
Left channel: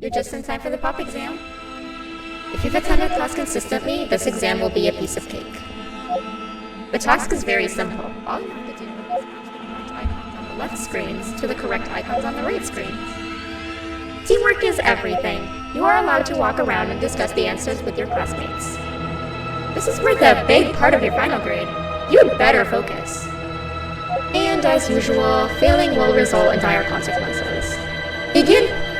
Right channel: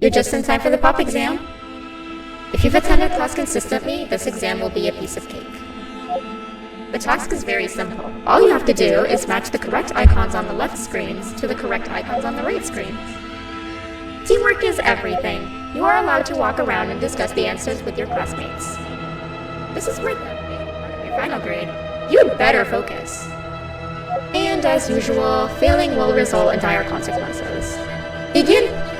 You're just in time for the pop exam. If you've attended class consistently, this exam will be a piece of cake. The task is very simple. All you have to do is match the correct icons on the left screens to the correct icons on the right screens. Teamwork is everything. You are allowed to walk around and discuss the answers with your classmates. This is worth a big part of your final grade. You'd better focus. And as usual, failing will result in dire consequences. Begin!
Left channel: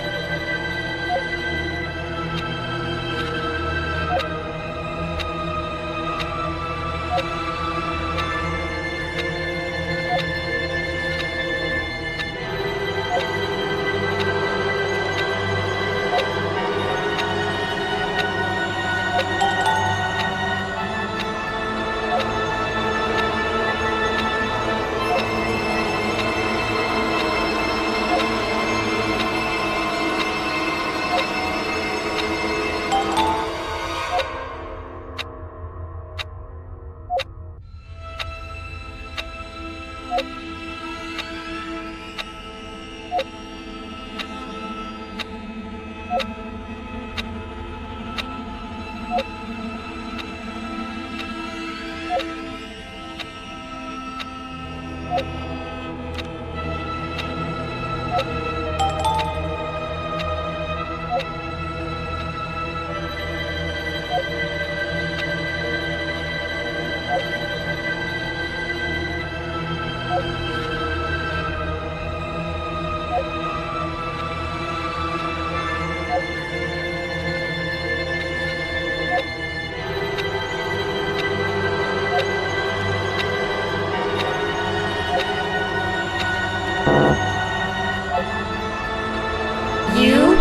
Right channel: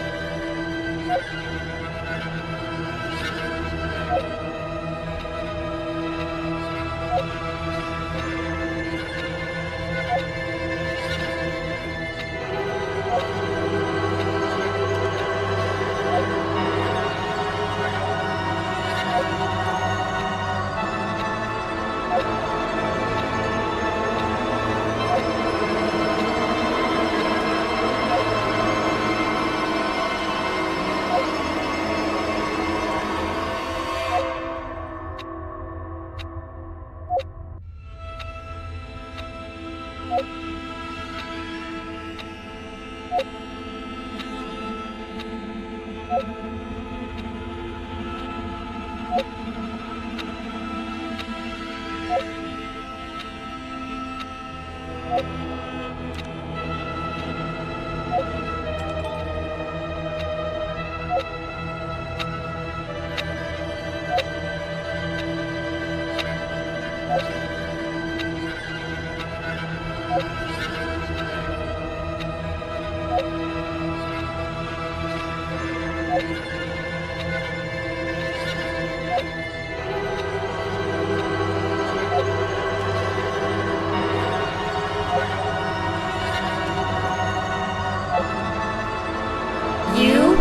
You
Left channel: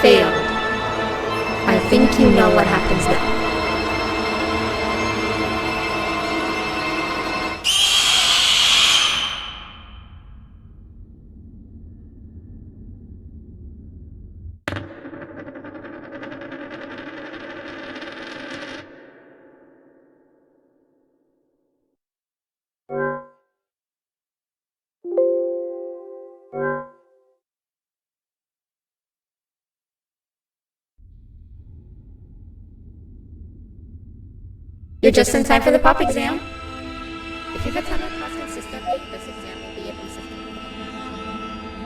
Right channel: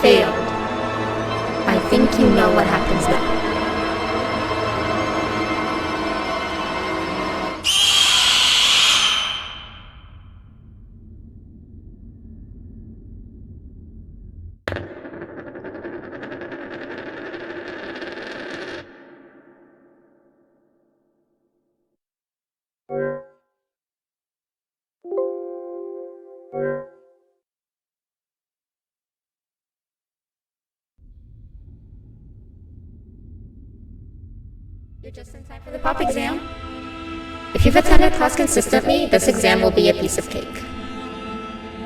failed. I think you know what happens now. You're just in time for the pop exam. If you've attended class consistently, this exam will be a piece of cake.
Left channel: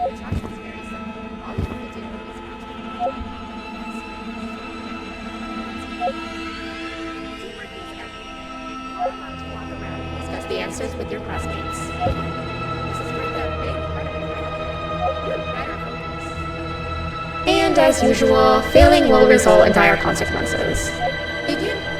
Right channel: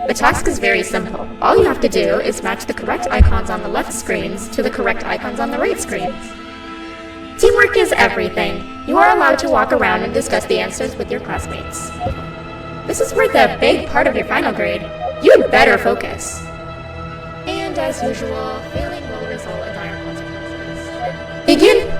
The task is very simple. All you have to do is match the correct icons on the left screens to the correct icons on the right screens. Teamwork is everything. You are allowed to walk around and discuss the answers with your classmates. This is worth a big part of your final grade. You'd better focus. And as usual, failing will result in dire consequences. Begin!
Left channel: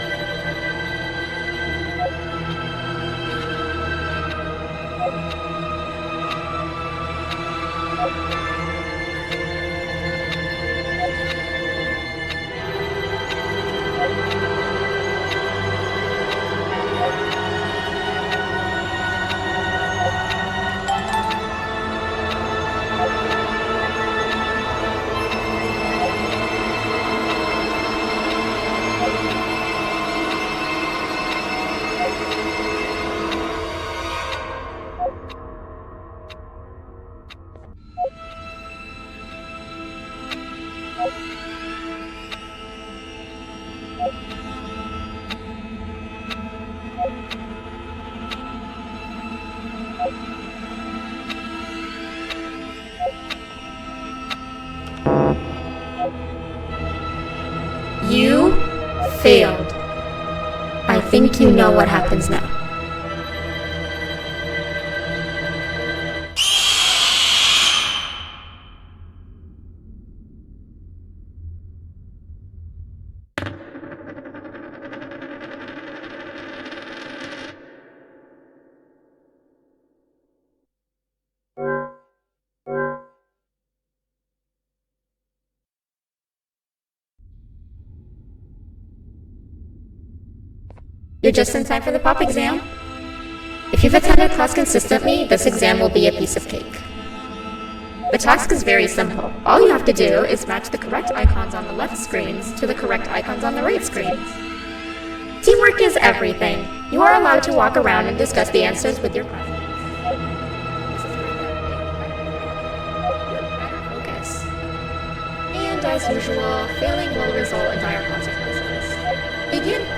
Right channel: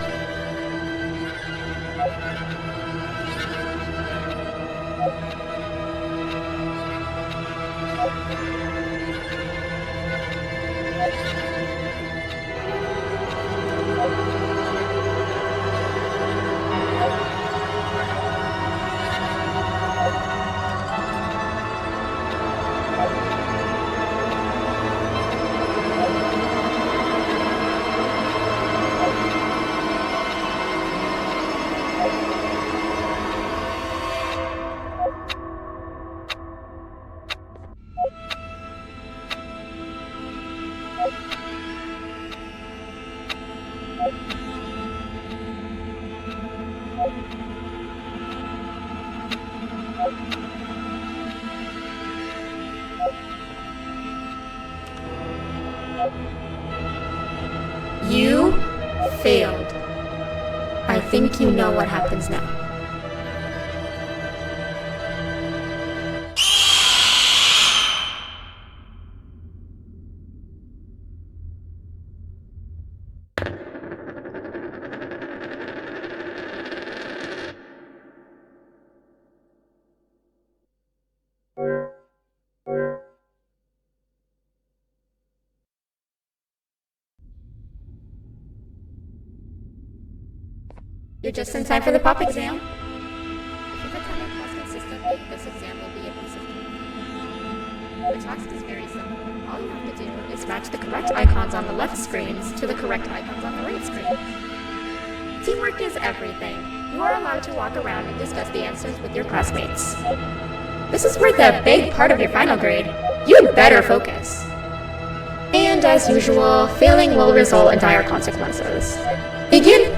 You failed. I think you know what happens now. You're just in time for the pop exam. If you've attended class consistently, this exam will be a piece of cake. The task is very simple. All you have to do is match the correct icons on the left screens to the correct icons on the right screens. Teamwork is everything. You are allowed to walk around and discuss the answers with your classmates. This is worth a big part of your final grade. You'd better focus. And as usual, failing will result in dire consequences. Begin!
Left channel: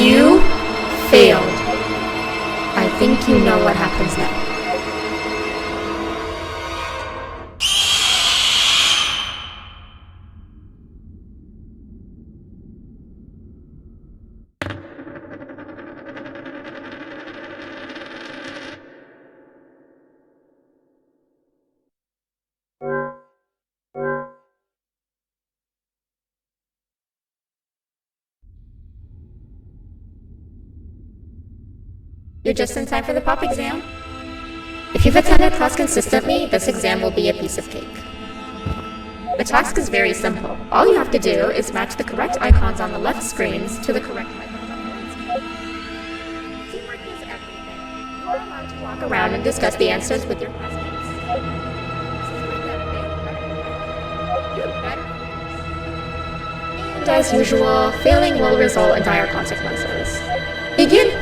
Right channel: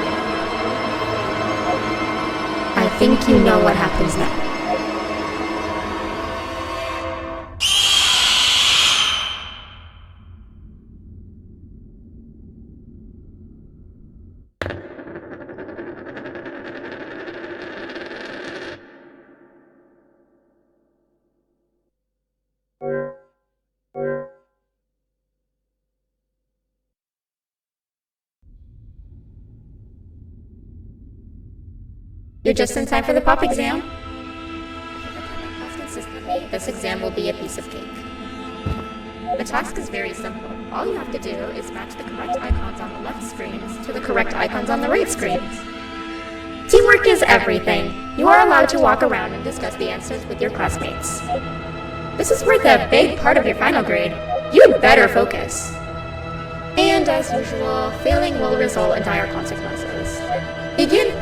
You failed. I think you know what happens now. You're just in time for the pop exam. If you've attended class consistently, this exam will be a piece of cake. The task is very simple. All you have to do is match the correct icons on the left screens to the correct icons on the right screens. Teamwork is everything. You are allowed to walk around and discuss the answers with your classmates. This is worth a big part of your final grade. You'd better focus. And as usual, failing will result in dire consequences. Begin!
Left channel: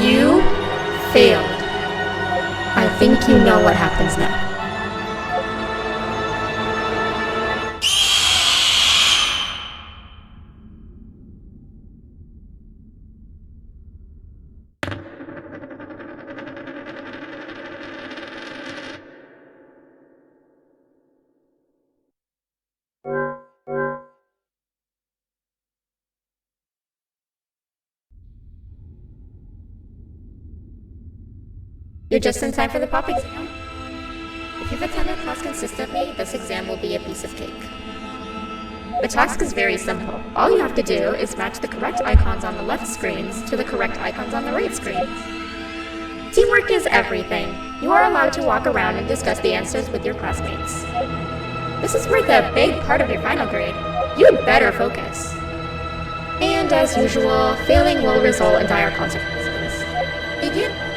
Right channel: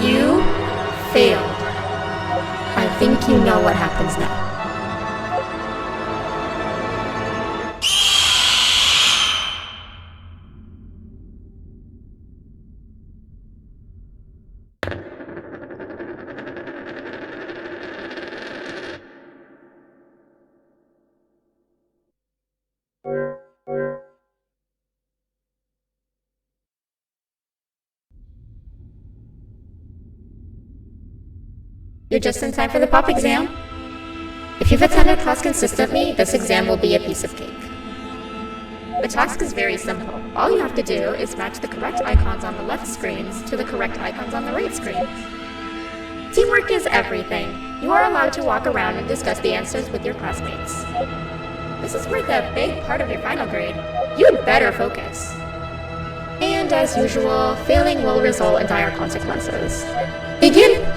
You failed. I think you know what happens now. You're just in time for the pop exam. If you've attended class consistently, this exam will be a piece of cake. The task is very simple. All you have to do is match the correct icons on the left screens to the correct icons on the right screens. Teamwork is everything. You are allowed to walk around and discuss the answers with your classmates. This is worth a big part of your final grade. You'd better focus. And as usual, failing will result in dire consequences. Begin!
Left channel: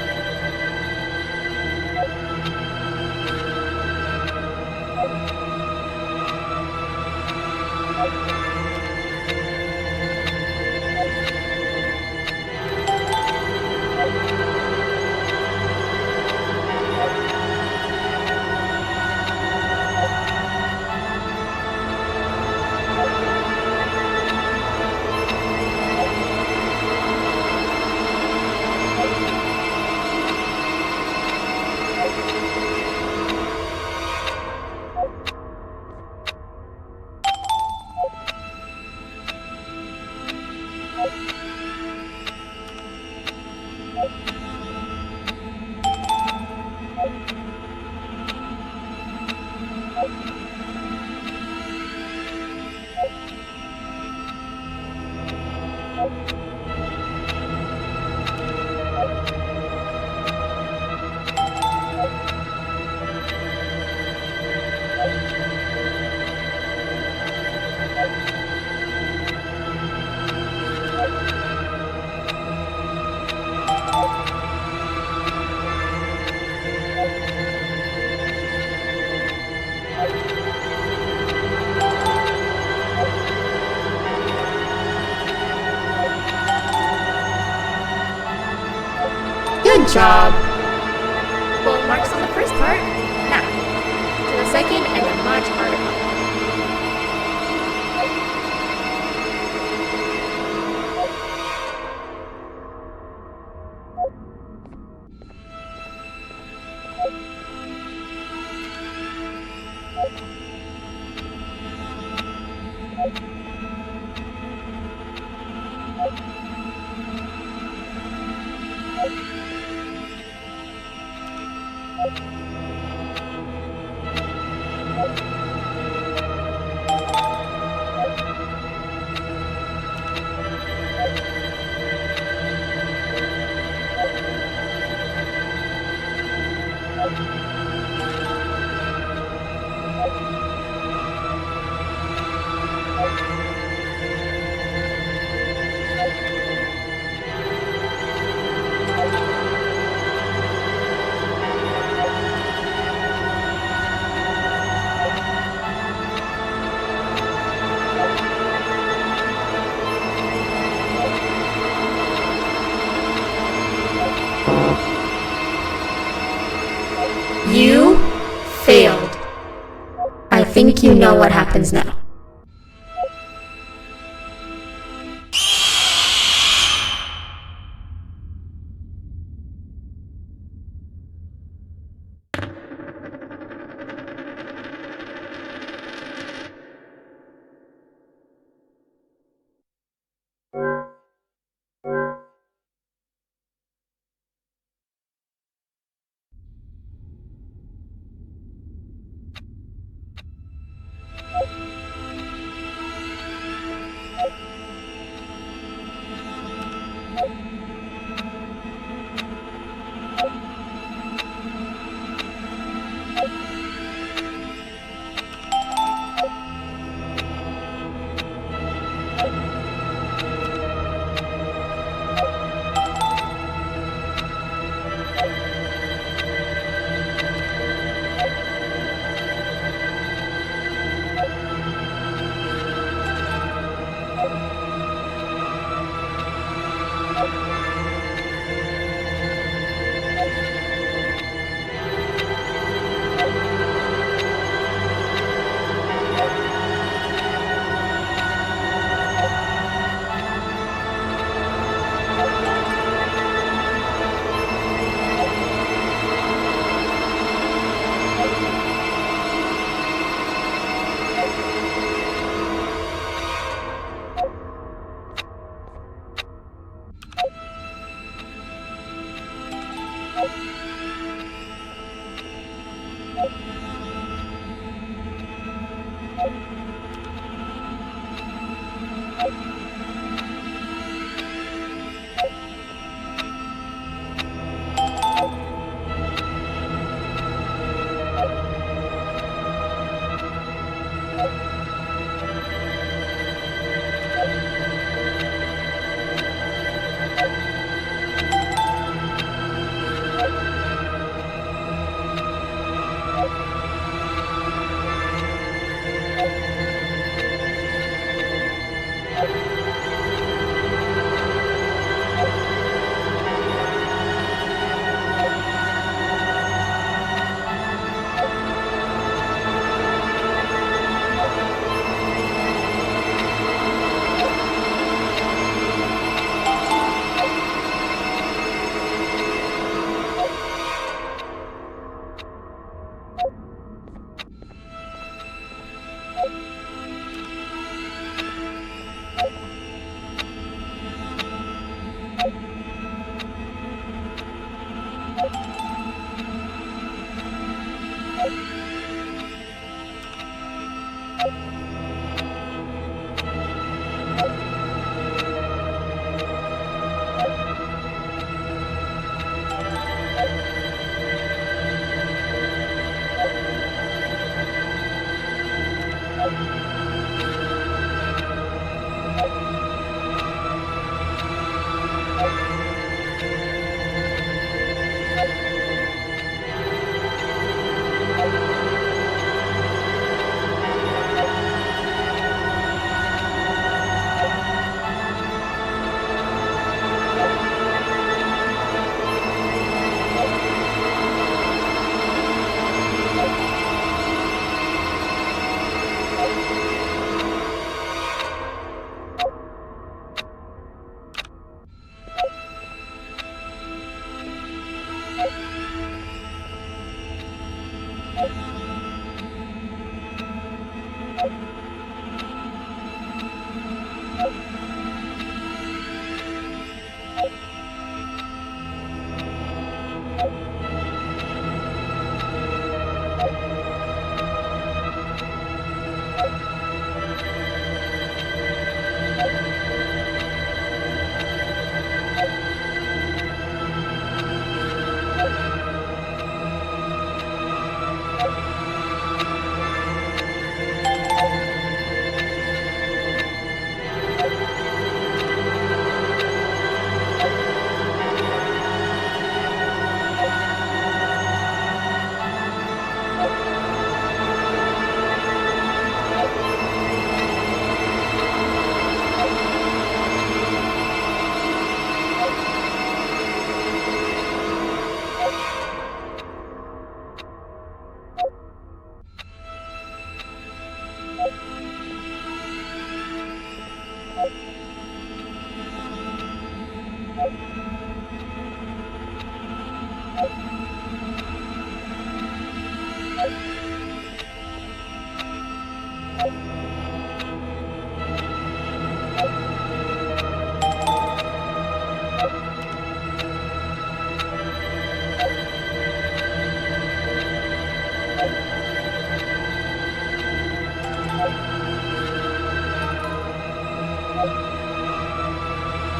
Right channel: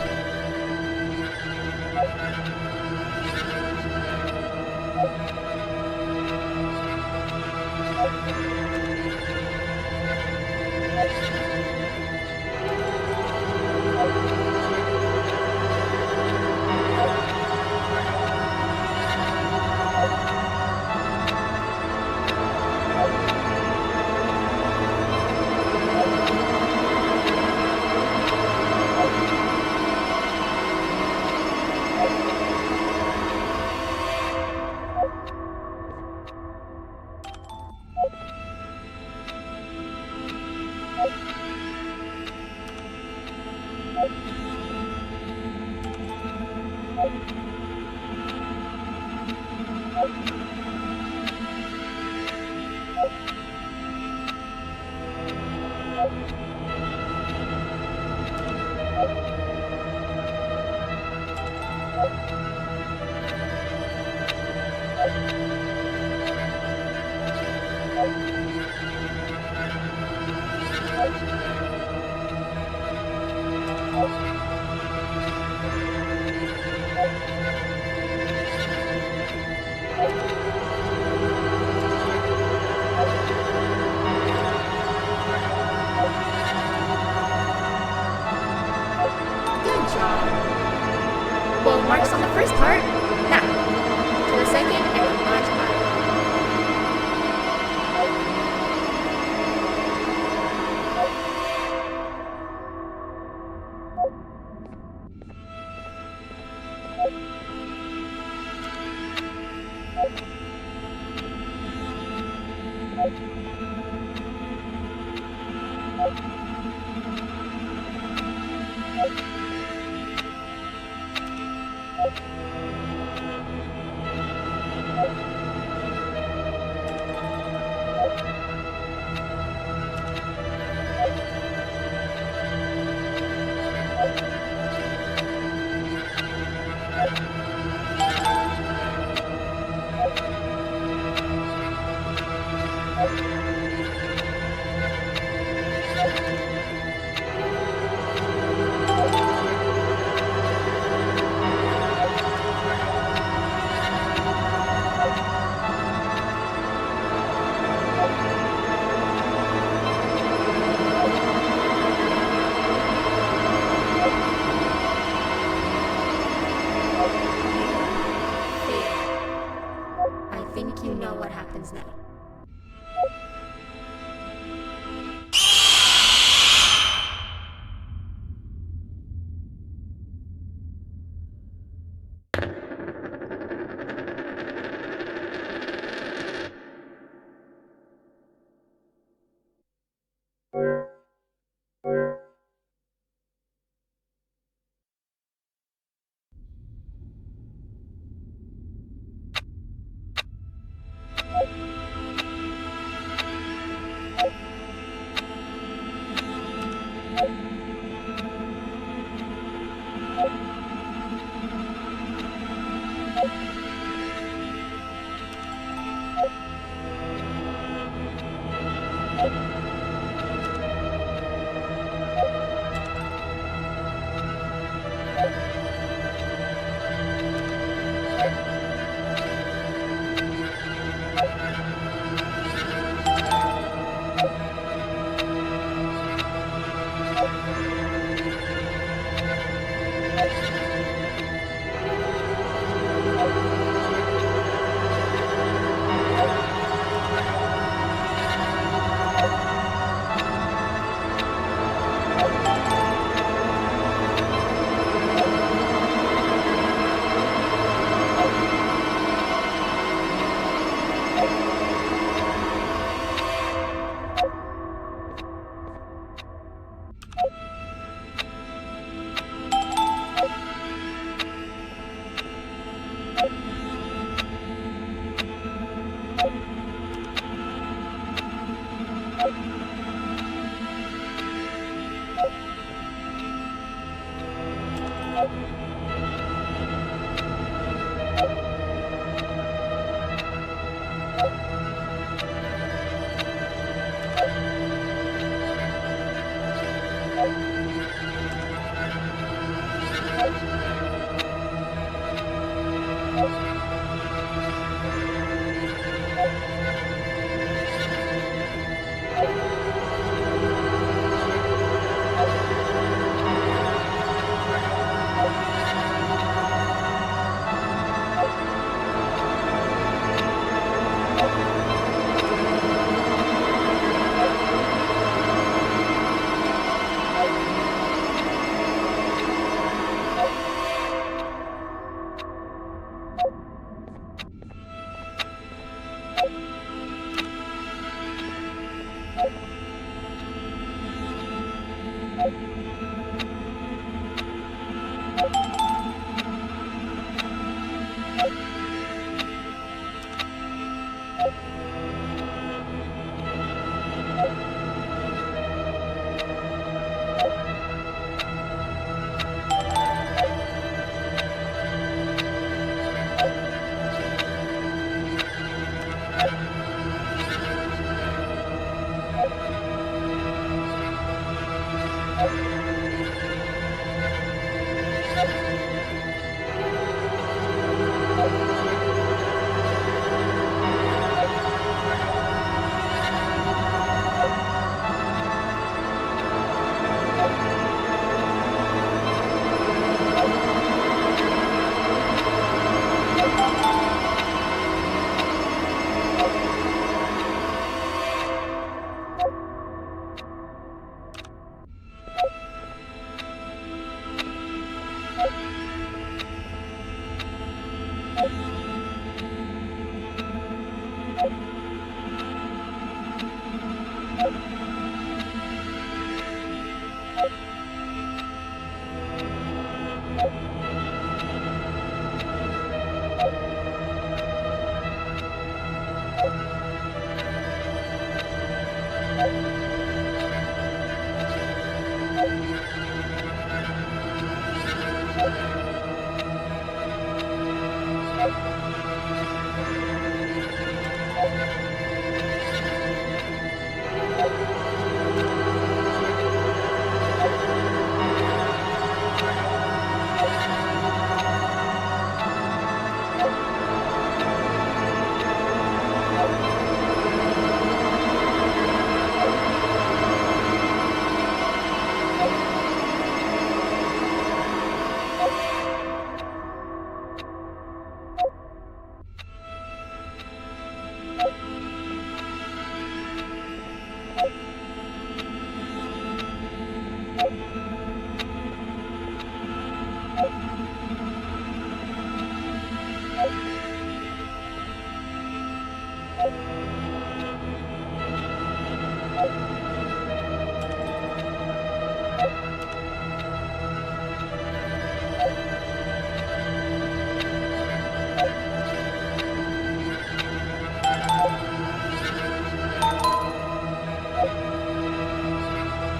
Good job. Full marks on the first part. Now, to the second and the much harder one. happens now.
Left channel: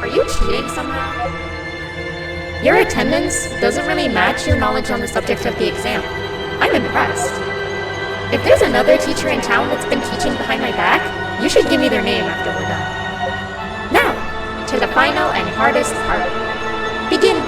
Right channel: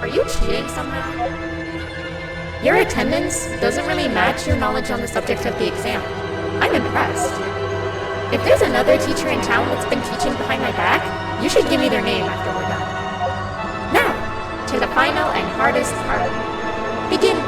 Are you cheating somehow? Your attendance doesn't really match your knowledge on the subject of the exam. I'm impressed. If there's another teacher in town that's been teaching behind my back, you should give me their name after we're done. Now, to the final and hardest part. Begin.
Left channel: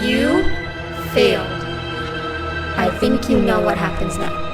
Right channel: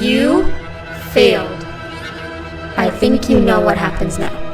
You failed. I think you know what happens now.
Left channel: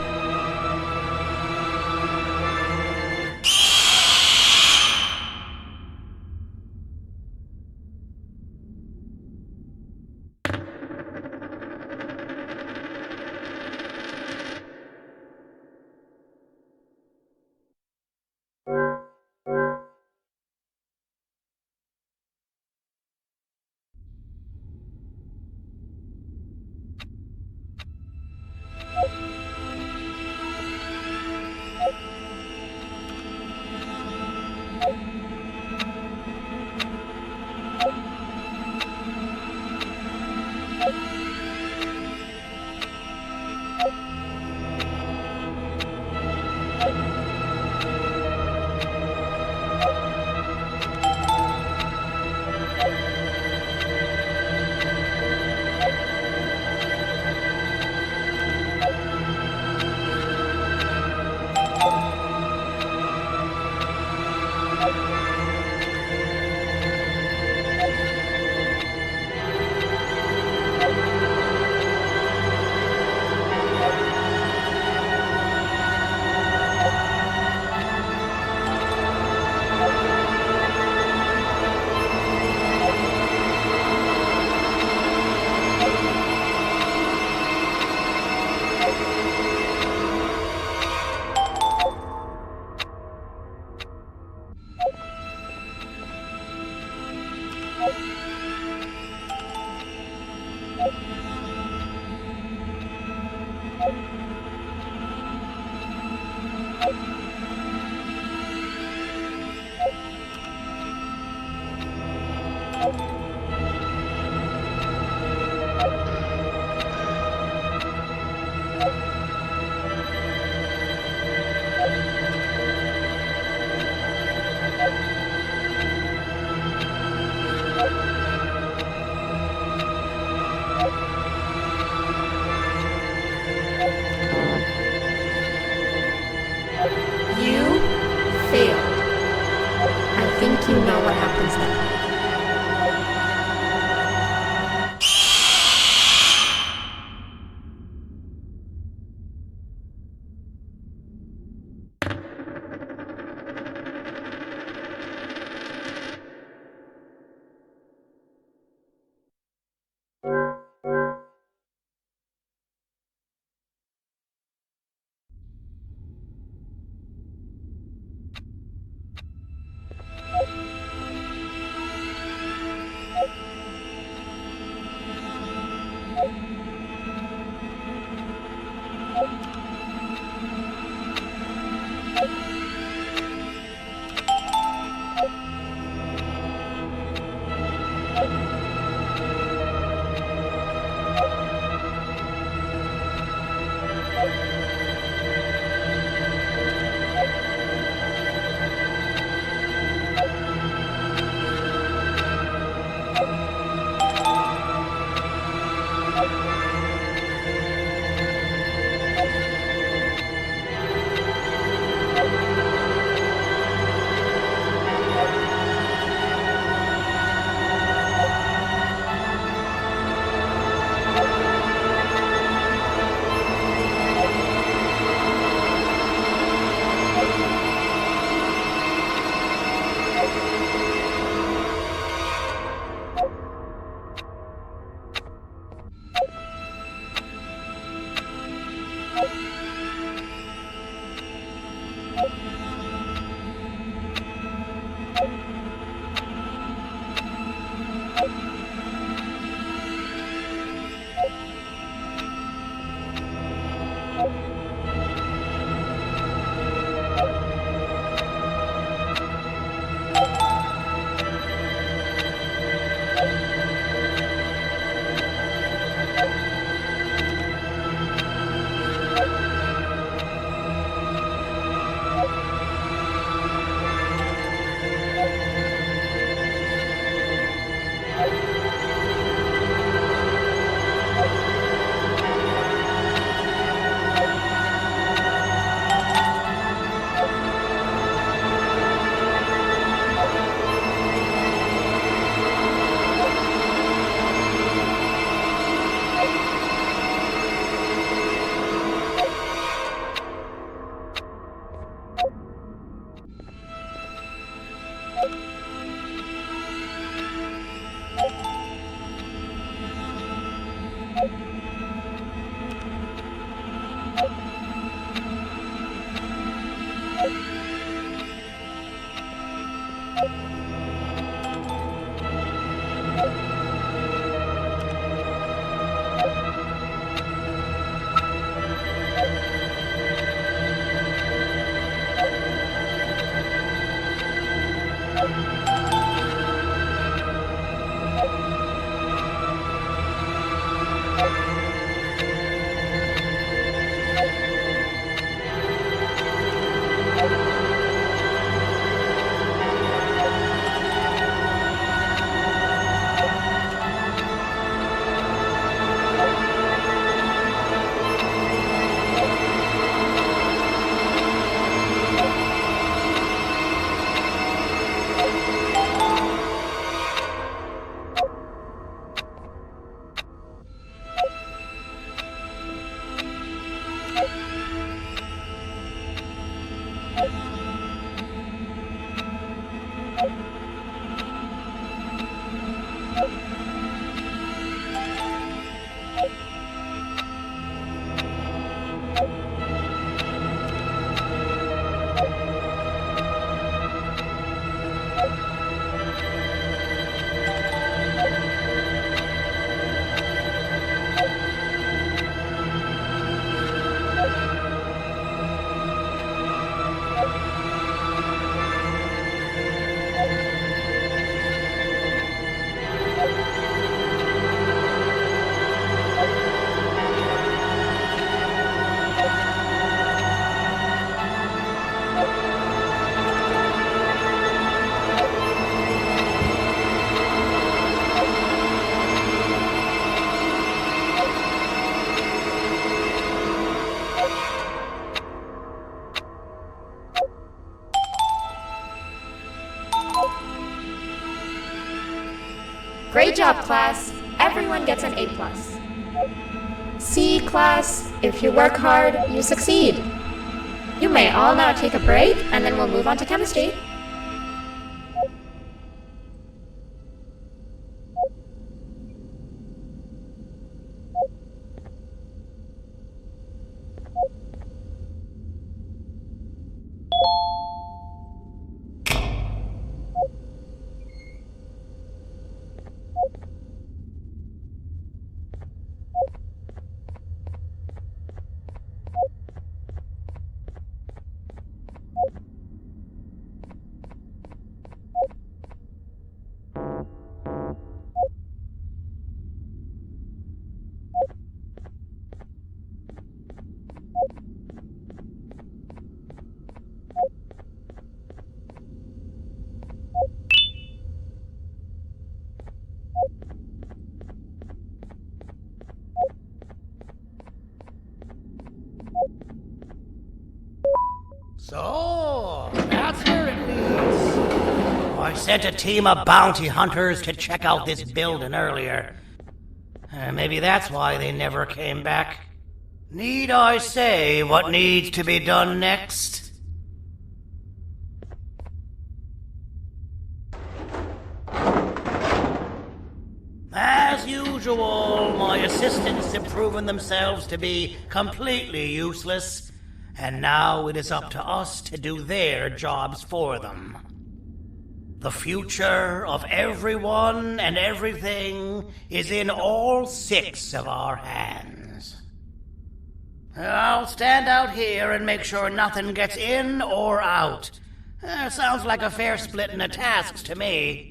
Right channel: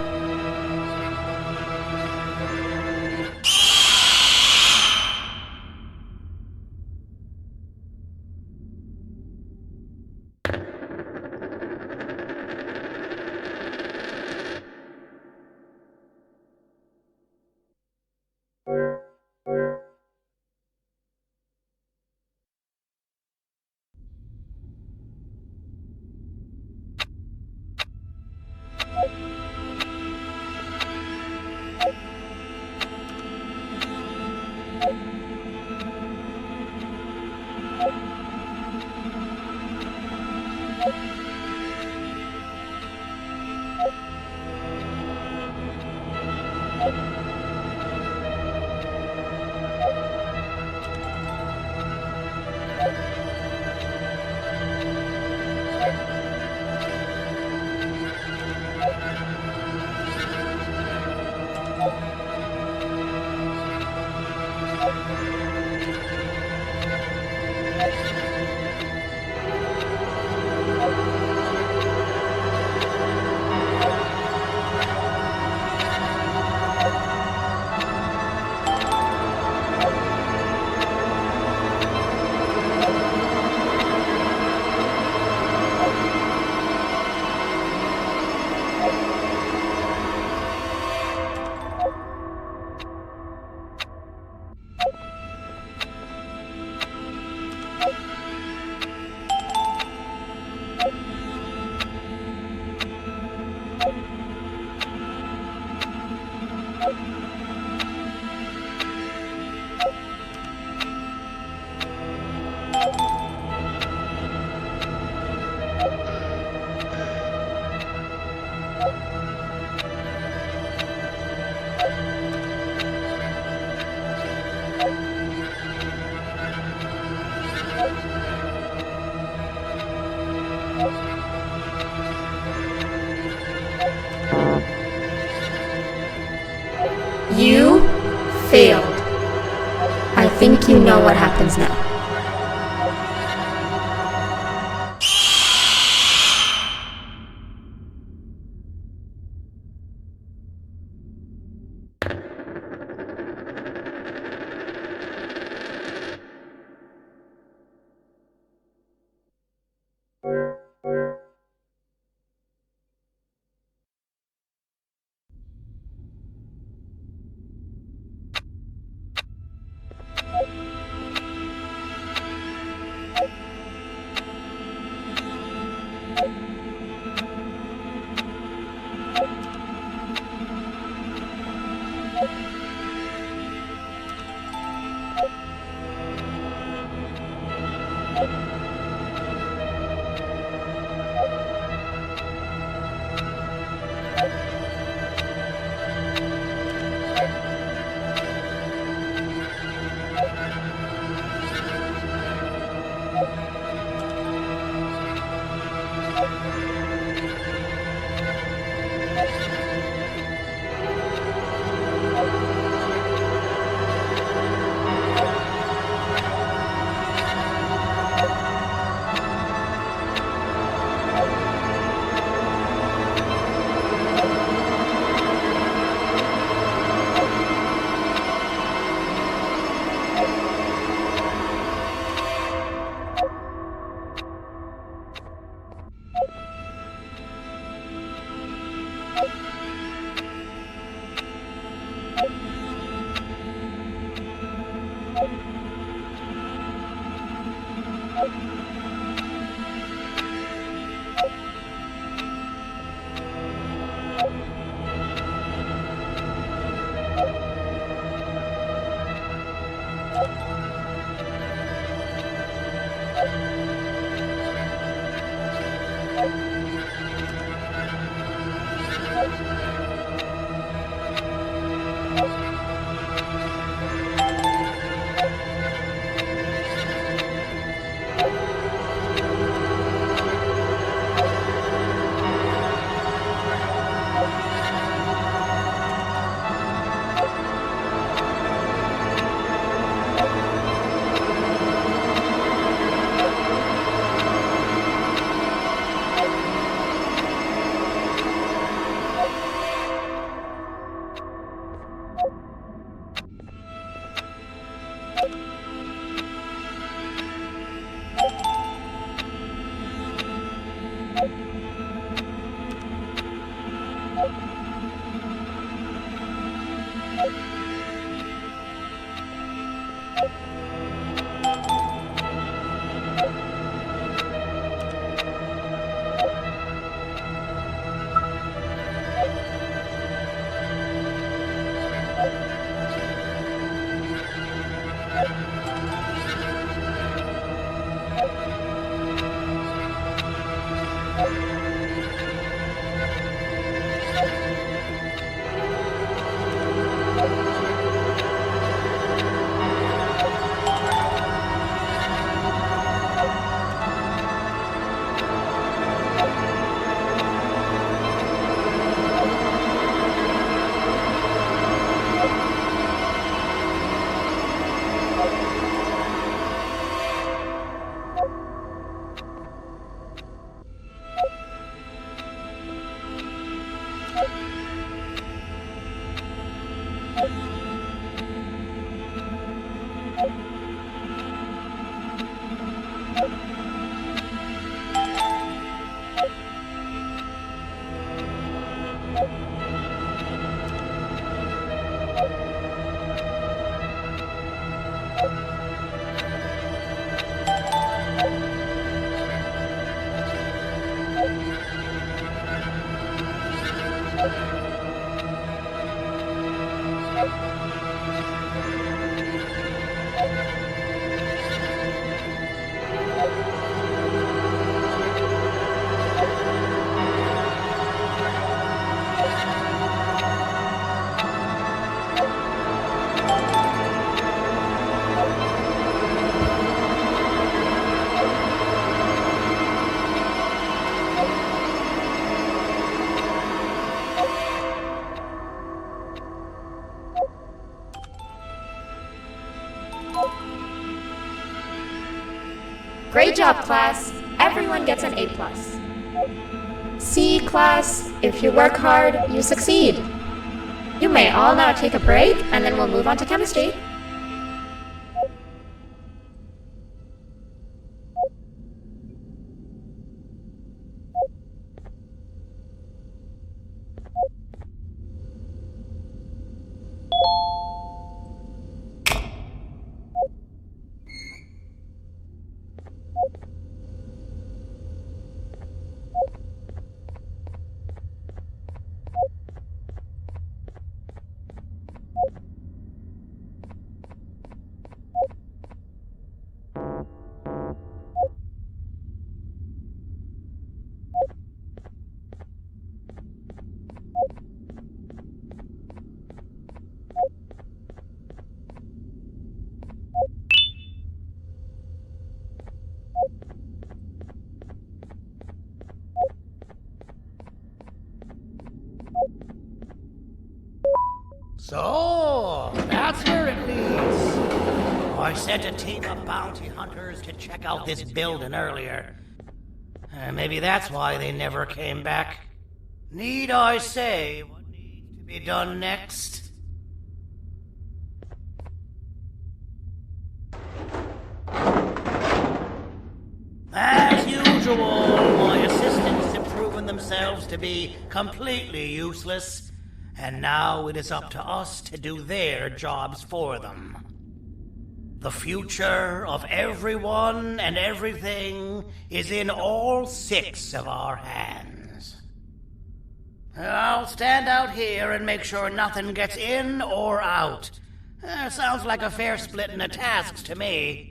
You failed. I think you know what happens now. Great job, class. Everyone gets an A+. See, class, if you work hard, you succeed. You may all now take a break, and then we'll move on to chemistry. So, that's where it leads. I sent a team of bounty hunters to check out this building earlier. Maybe that's why they never came back. Need I say what needs to be done next? As usual, my assistants have proven themselves to be completely useless, and now it is up to us to do their jobs for them. The future of everyone and everything is in all 6 of our hands. I'll stand out here and make sure nothing gets in or out. Sounds like a fair splitting of tasks to me.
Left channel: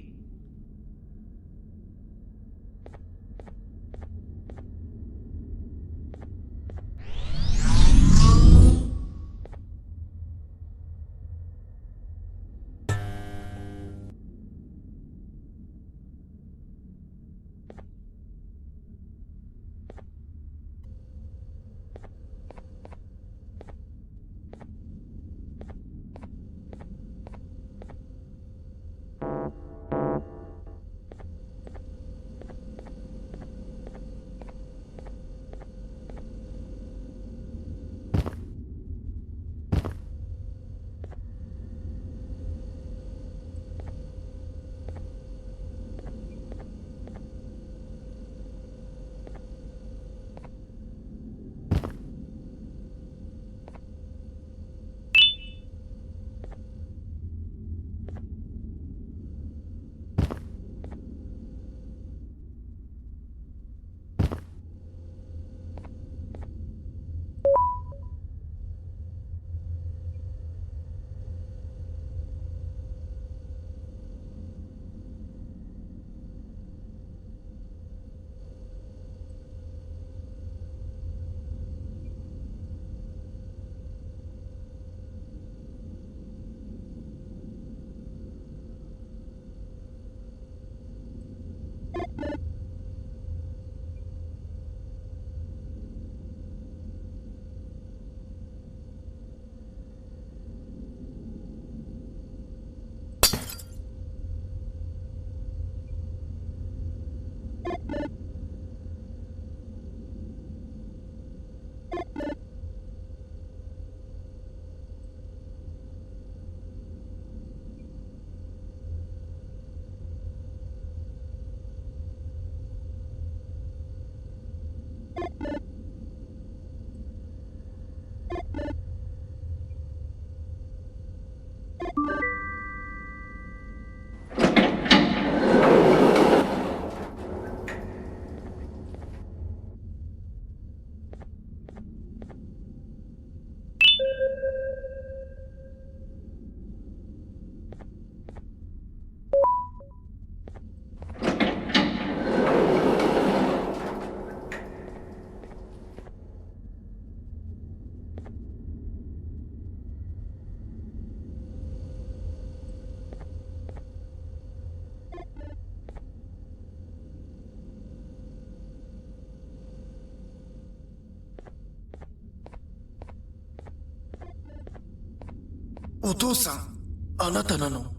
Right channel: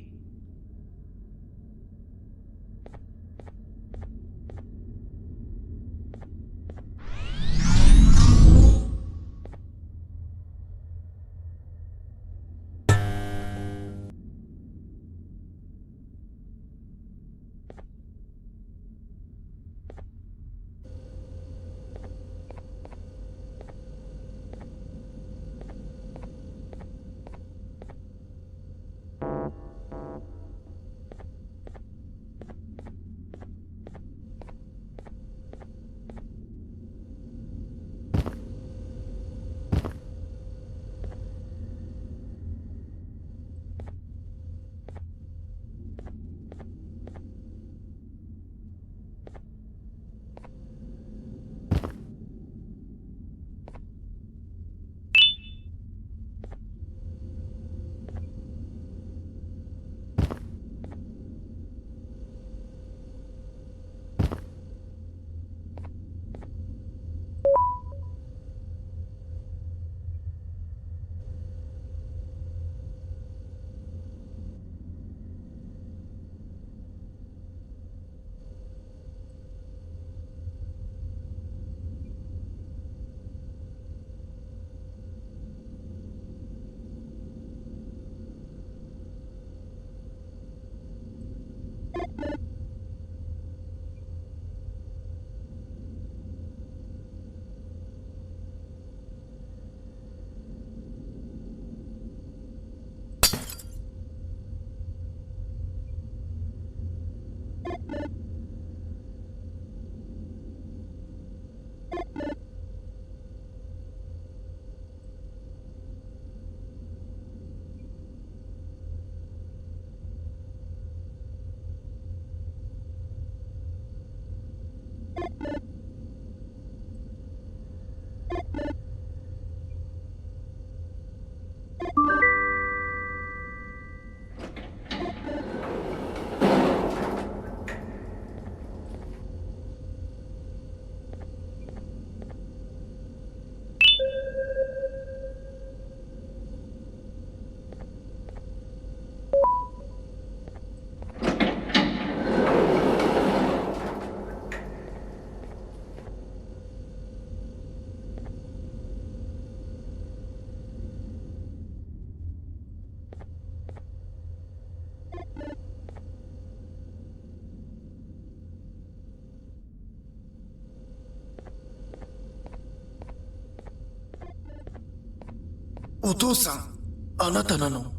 お父さん、あなたなの？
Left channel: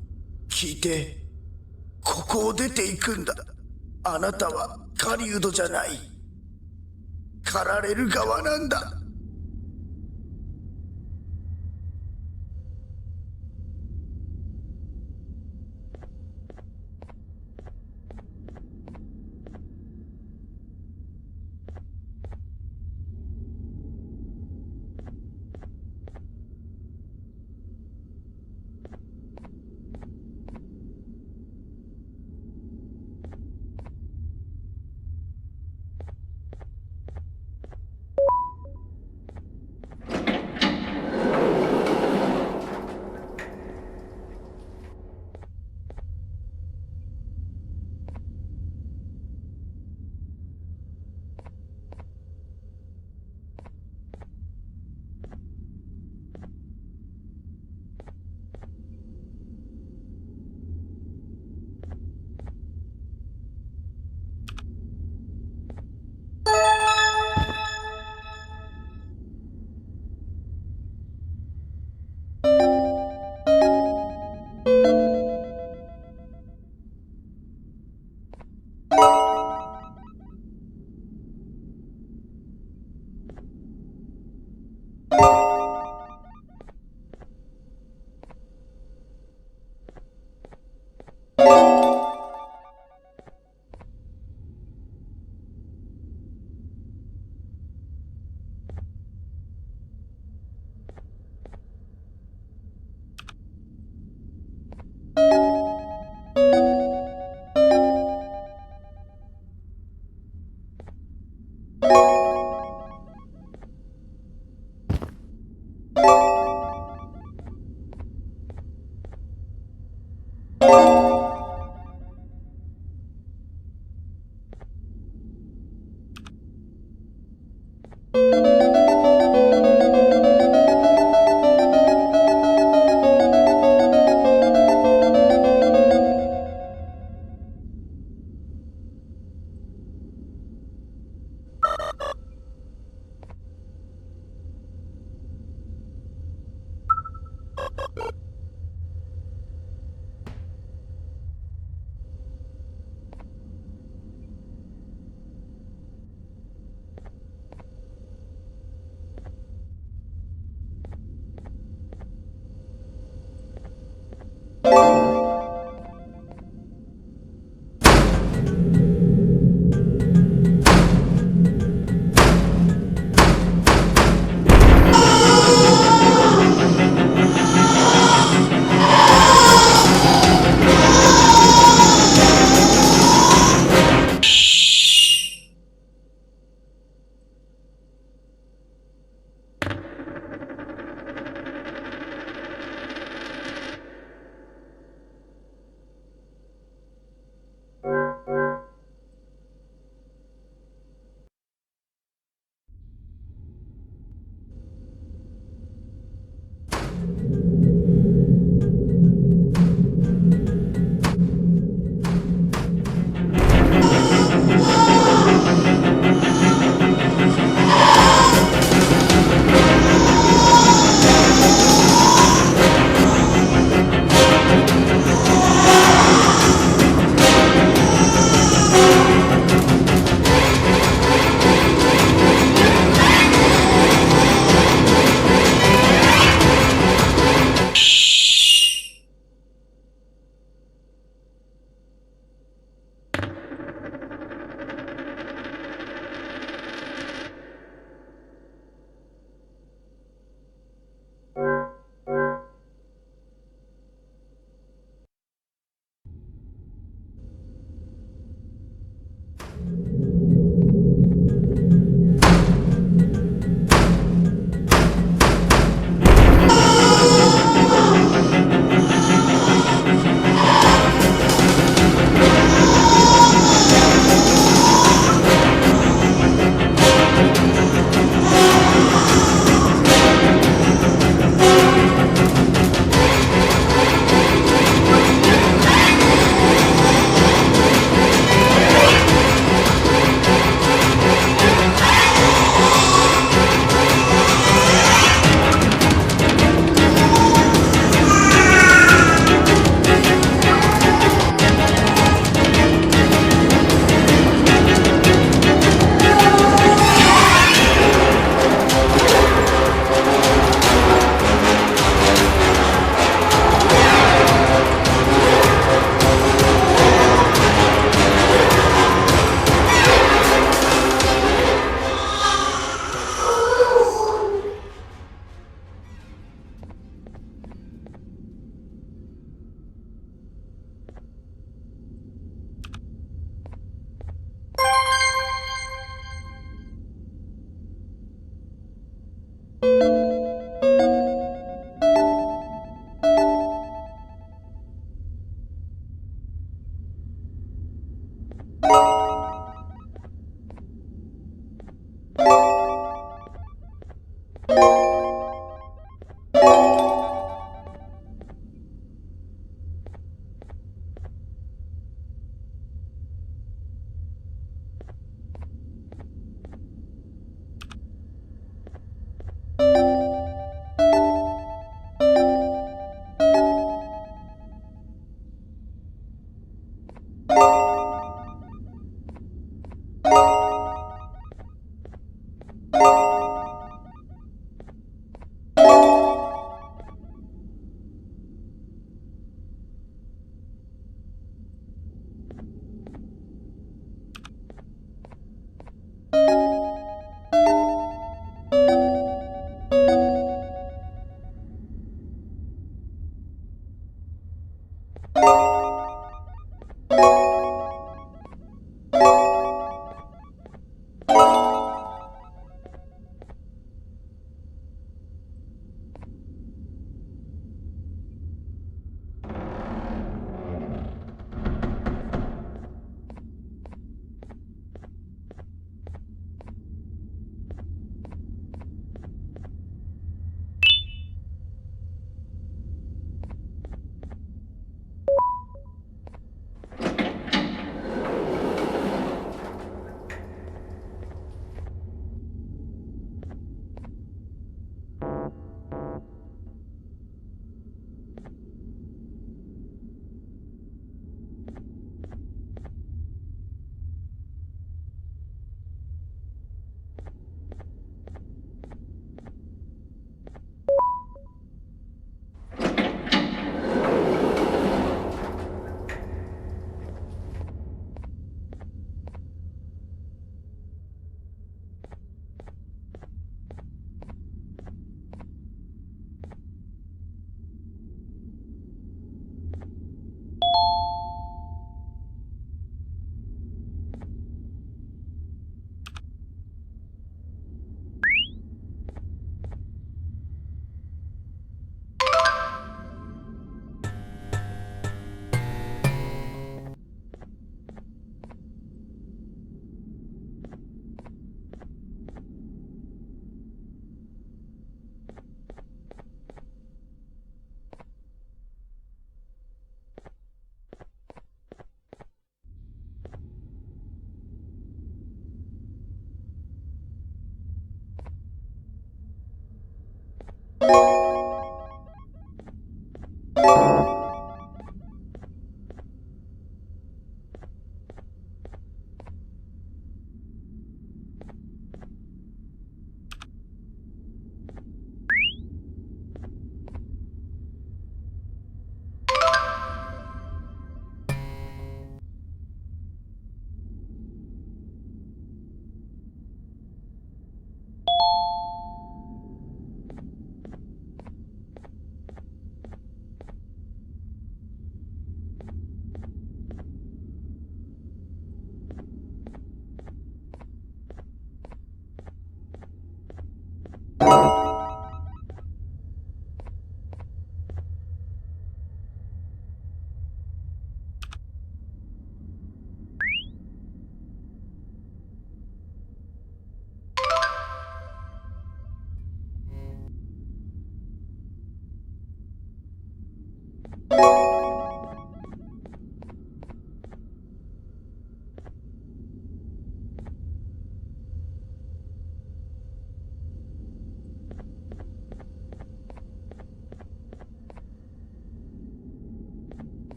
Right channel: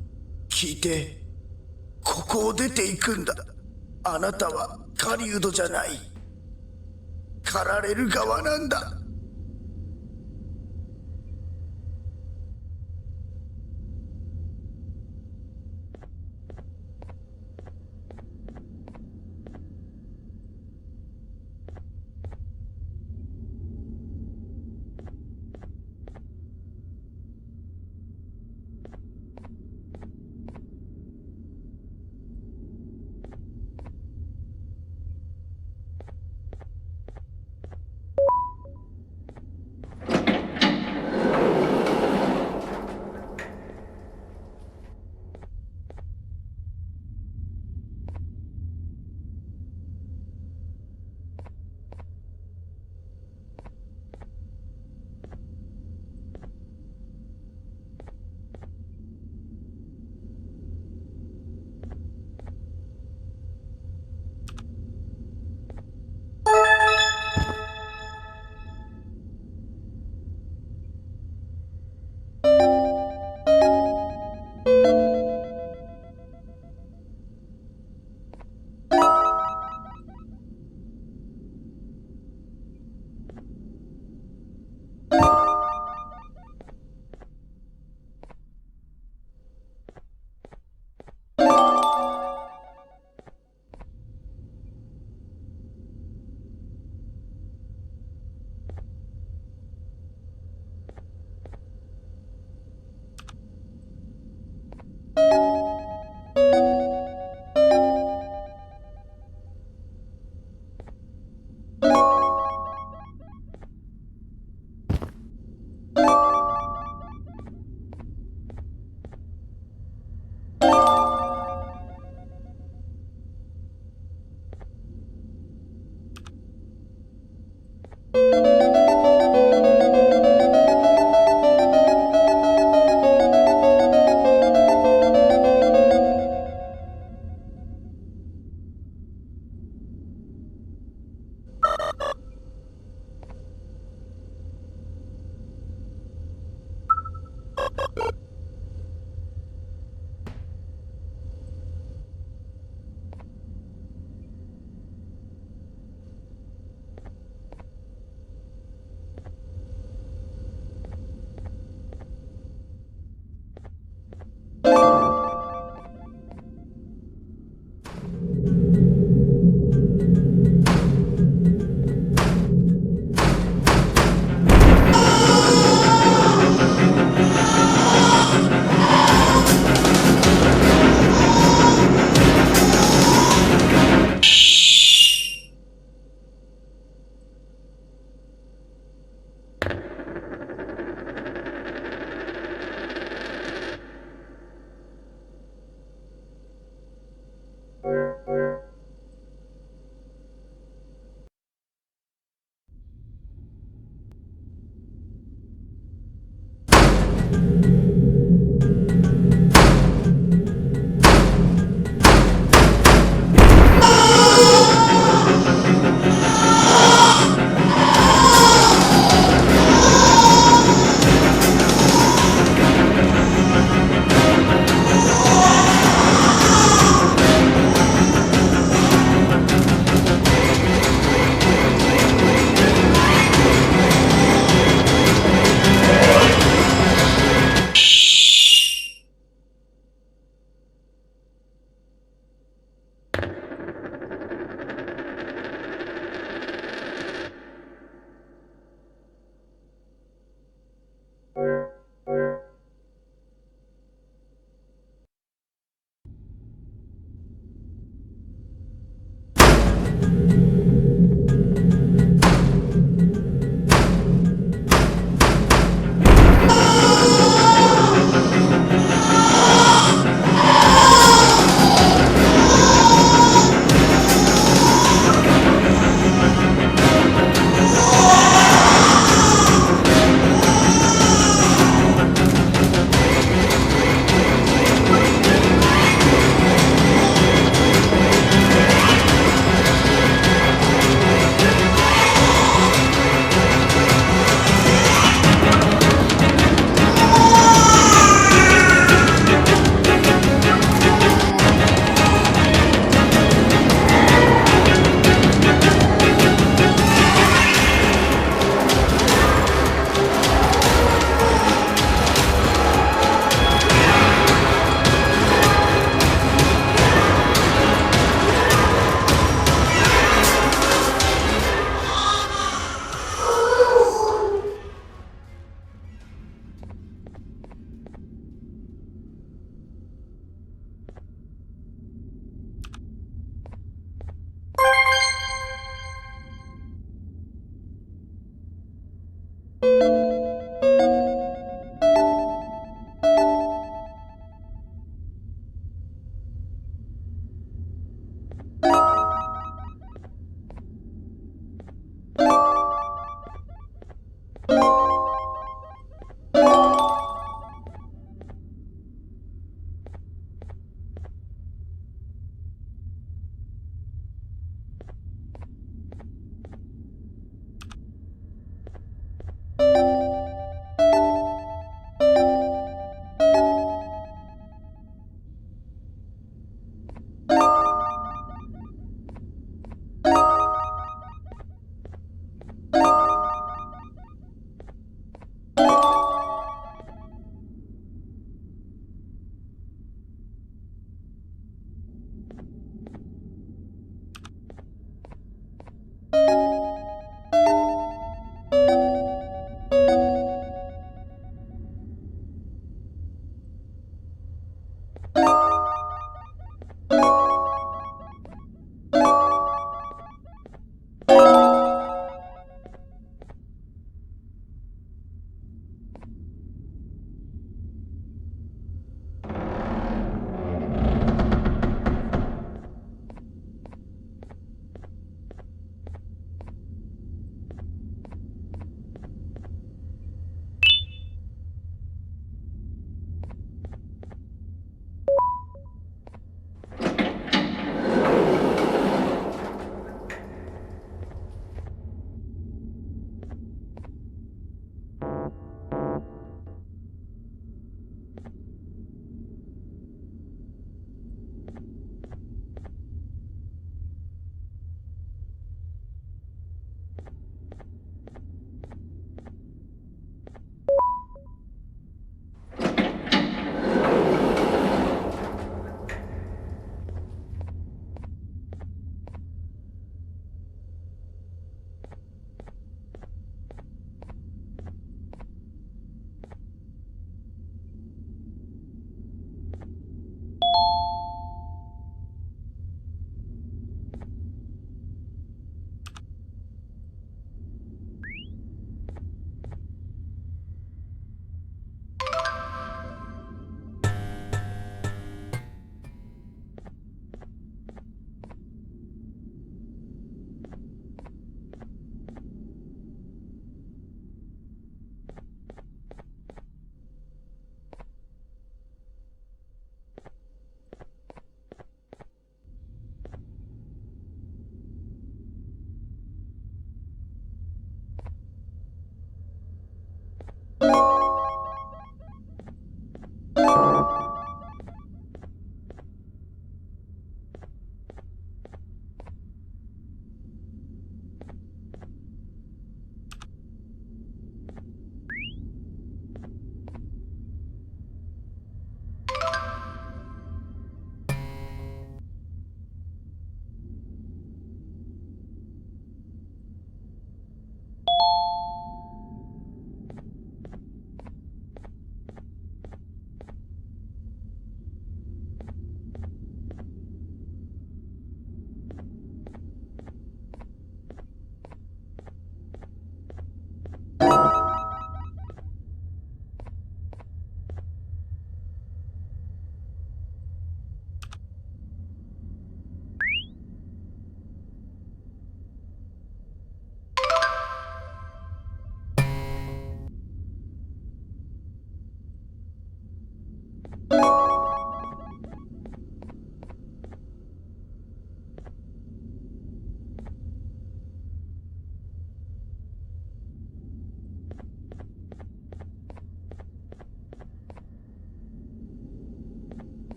聞いて。ここを出ていくんだ。あなたは狩人じゃない。狩られる側なんだ。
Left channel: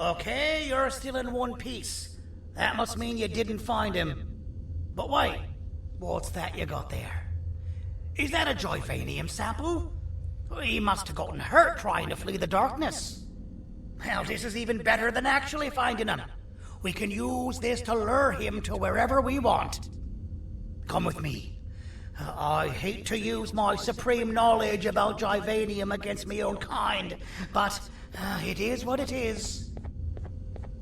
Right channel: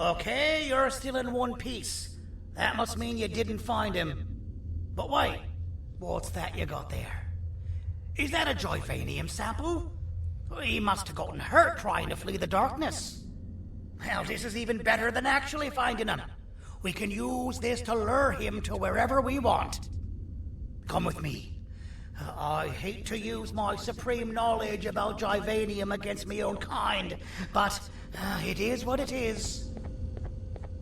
Okay, you're still in one piece. That must mean you didn't find him. But wait, what's that you got there? Is that a Joyvanium sample? He must have gotten hurt trying to flee the darkness. Well, this is even better than actually finding him. We can use this to lure him to wherever we want. Come with me. I hate to use my supreme knowledge about Joyvanium against my own kind, but it is what it is.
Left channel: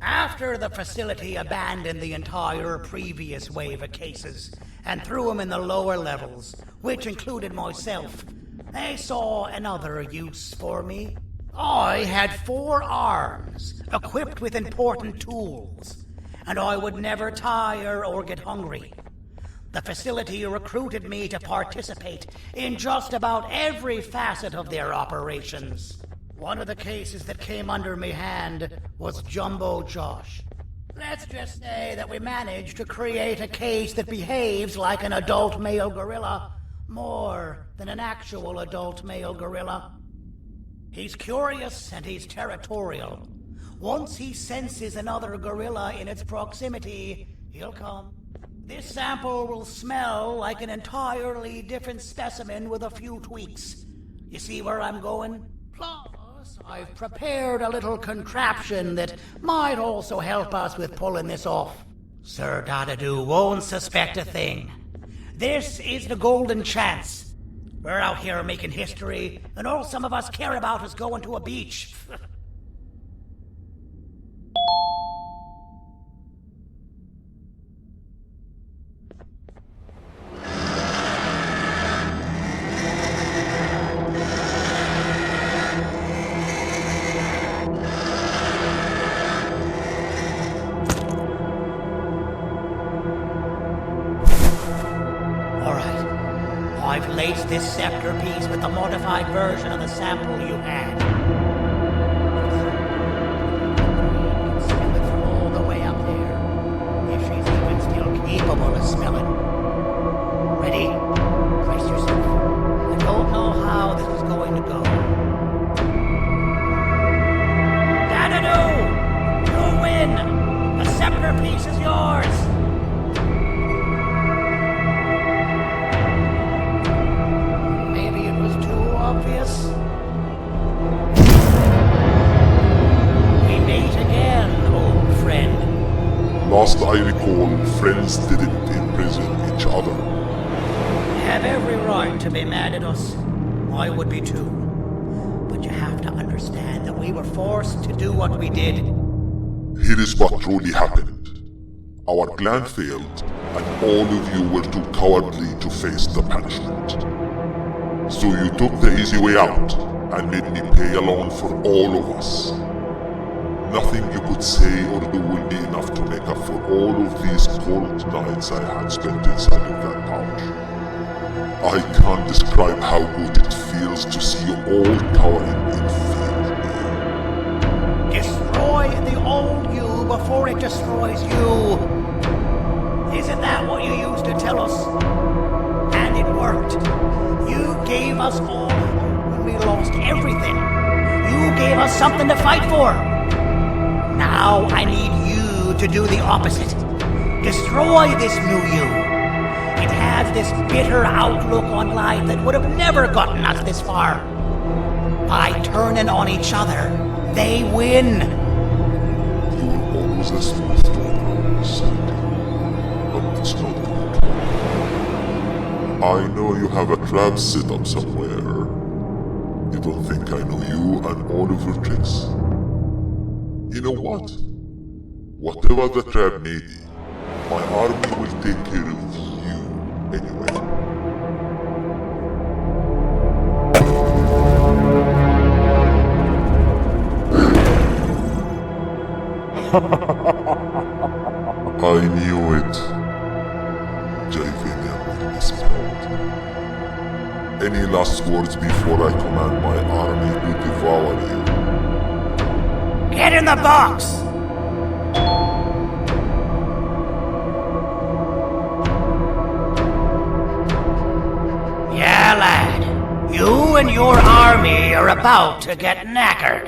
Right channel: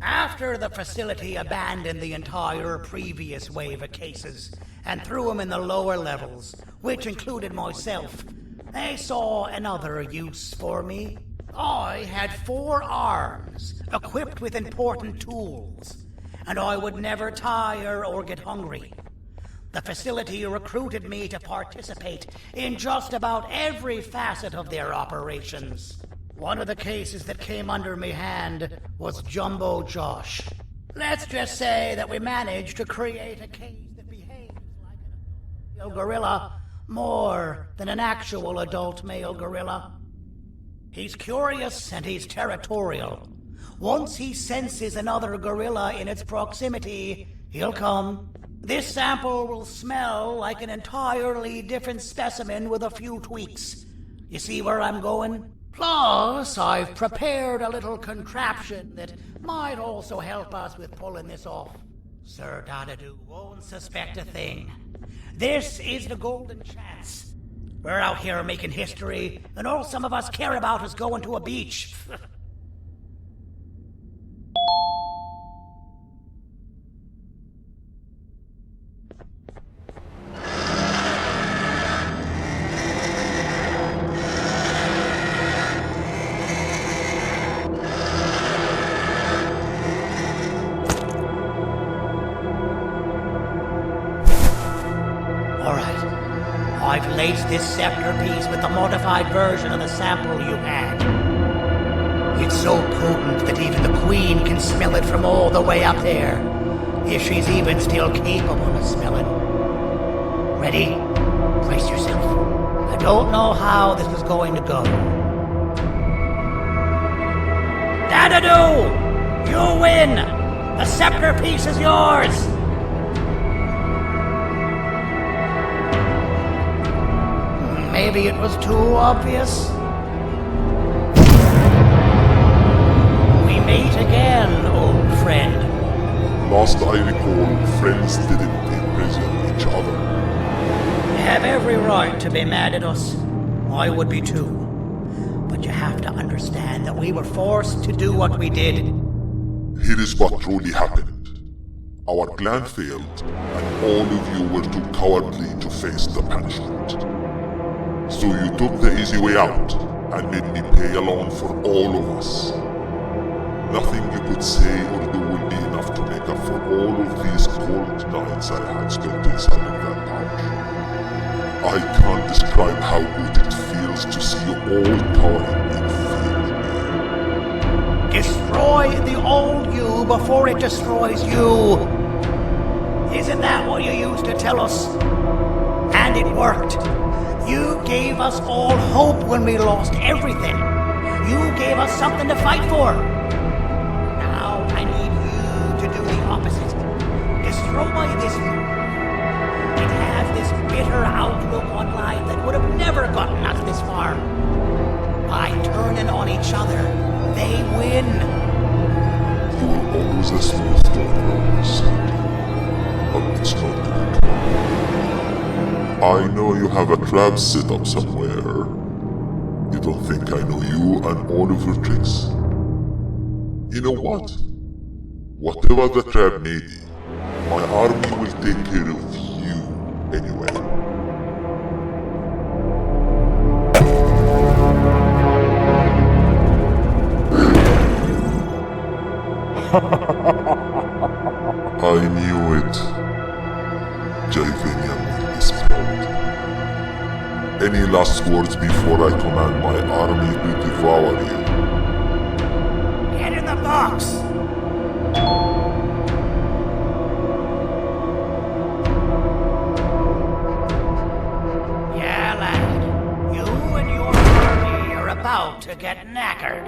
After the facility abandoned the entire previous wave of cases and threw them in the lower levels, which included myself, they saw another use for me. I had 4 arms, equipped with important tools, and I would never tire or get hungry. The facility recruited me to participate in just about every facet of their operations. One of the cases that came under me hand was Jumbo Josh. Let's just say that we managed to create a case that behaves like an adult male gorilla, more than an actual adult male gorilla. He's curious and he's territorial. Once he senses another gorilla in its proximity, he'll come. This sample will smell like an entirely different specimen with a few tweaks. You see where I'm going? Plus, I've prepared a little contraption that might also help us with pulling this off. Sir Dadadoo won't suspect a thing. This is the golden chance. We're out here making history, and all some of us care about is going to a beach. I've laced this scepter piece with the modified version of the sample you had. It's so potent that even the Queen can smell it from all the way up there, if she's even still capable of smelling. Ready? Brace yourself. I don't know how this is going to go. Dadadoo! You win! The scepter piece is yours! Maybe it was too obvious. We meet again, old friend. Last I recall, friends didn't imprison each other. You have every right to be mad at us. I would be too. But you have to understand that we were forced to do what we did. Here is what truly happened. Our plan failed, and all of you were too cowardly to face the punishment. So you took the easy way out, and made me pay alone for all of us. Nothing you could say or do will be enough to make up for all of these cold nights I had spent inside of that pouch. I can't describe how good it feels to see you all cowering in fear. Destroy the old you before it destroys you. Isn't that what you used to tell us? And it worked. You gave us all hope when we lost everything. You gave us something to fight for. Now I need you to do the opposite. Destroy this new you. It has this bitter outlook on life that would have never gotten us this far. By turning on each other, they win. You were always a smooth talker, Sandy. But it's not good. I know you have a trap set up somewhere. You don't think I know you and all of your tricks? You know what? Whatever the trap may be, my army will take care of you anyway. I knew it. Joyvanium will be spelled. Any last words before I command my army to devour you? Get in the box! Yeah, lad. You and your army are about to get knackered.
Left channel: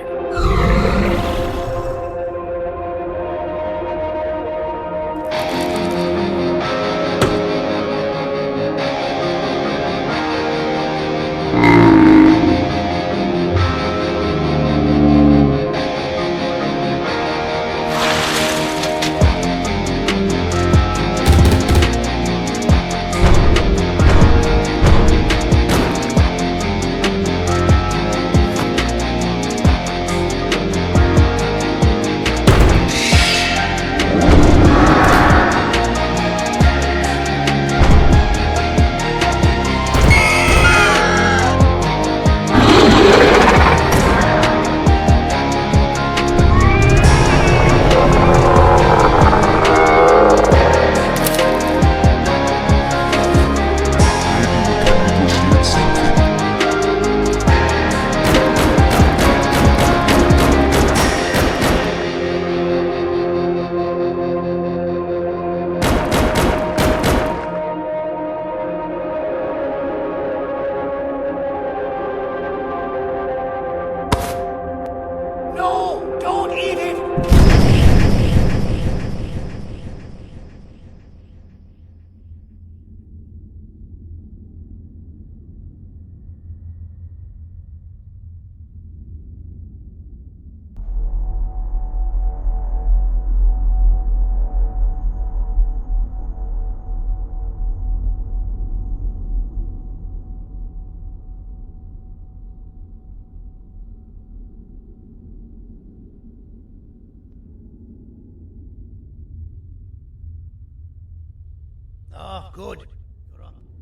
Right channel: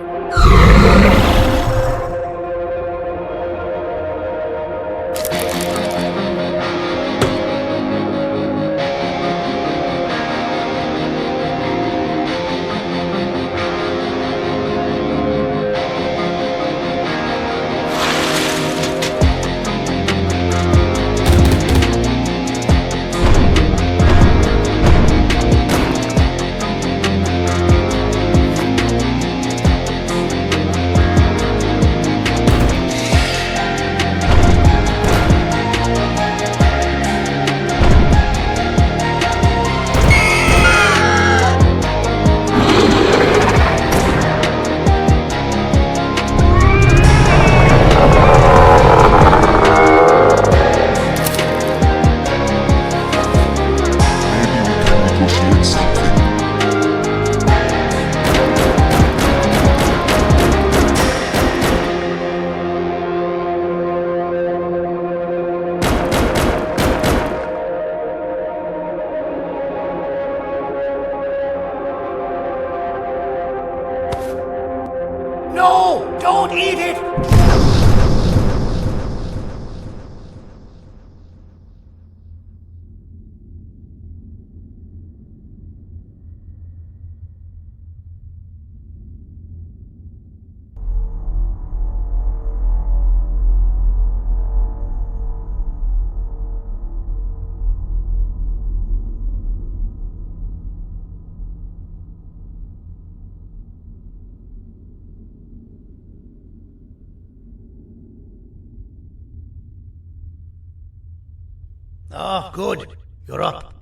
Oh, good. You're up.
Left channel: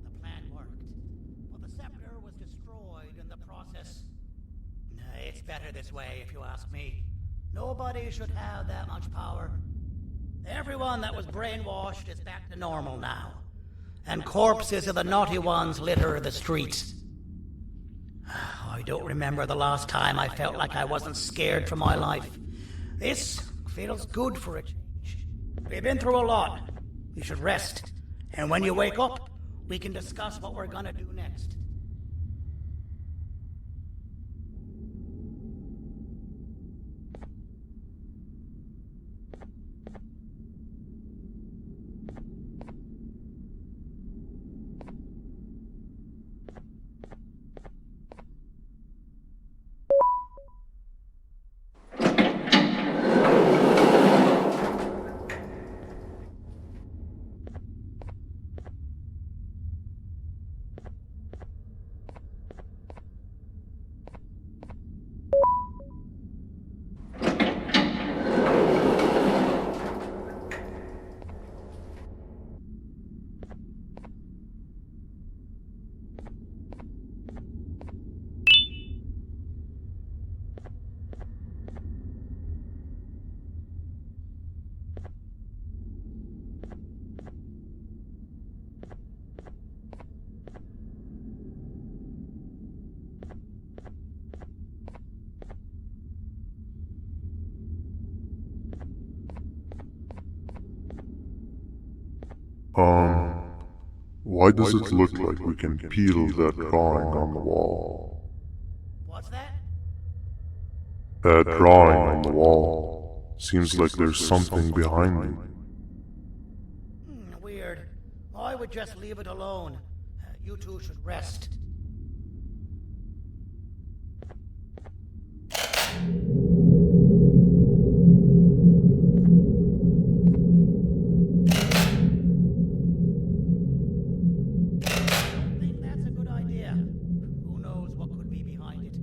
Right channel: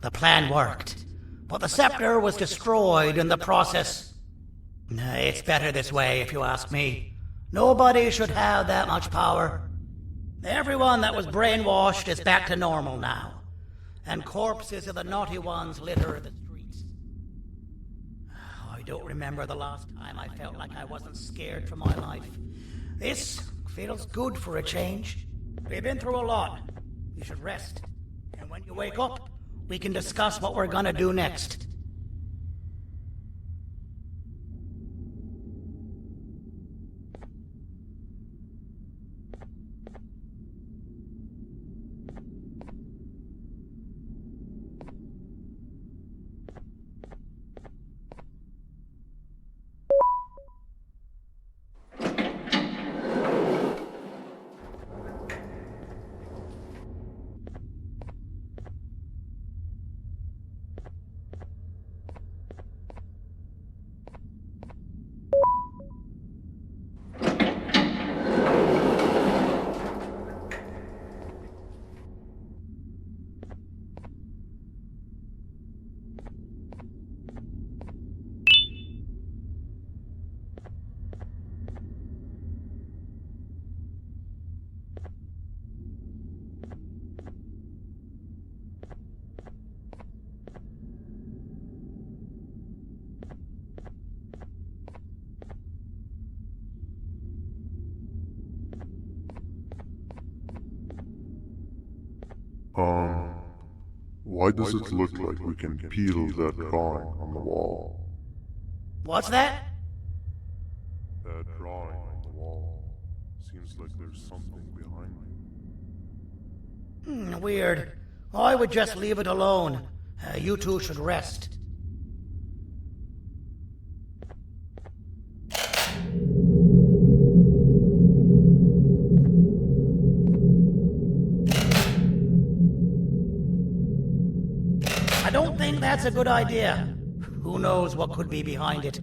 The plan worked. But the scepter was destroyed in the process. It's better this way, if you ask me. Nobody should have that much power. Everyone that was brainwashed is back to normal now. And corpses of the naughty ones litter the streets. I don't remember the last time I felt like I wasn't scared for my life. This feels good for a change. We've been through a lot. You should rest. And when you wake up, we can discuss what we're gonna do next. Why does it look like we can peel that drawing on the wall? What's that? That drawing on the wall. Seems like there's something behind it. Weird. I would just leave it alone. You two should rest. I don't think that's a good idea. Who knows what could be behind it?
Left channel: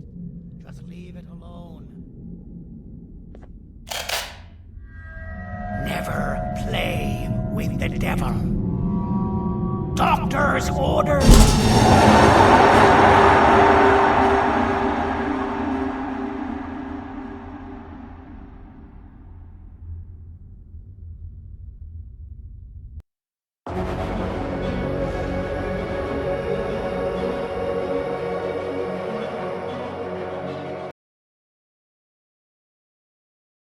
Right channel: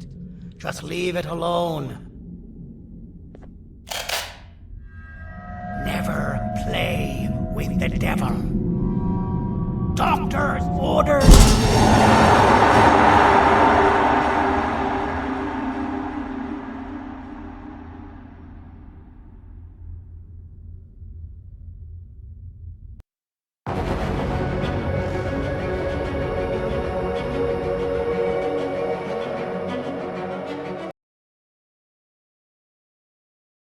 Just leave it alone. Never play with the devil. Doctor's orders!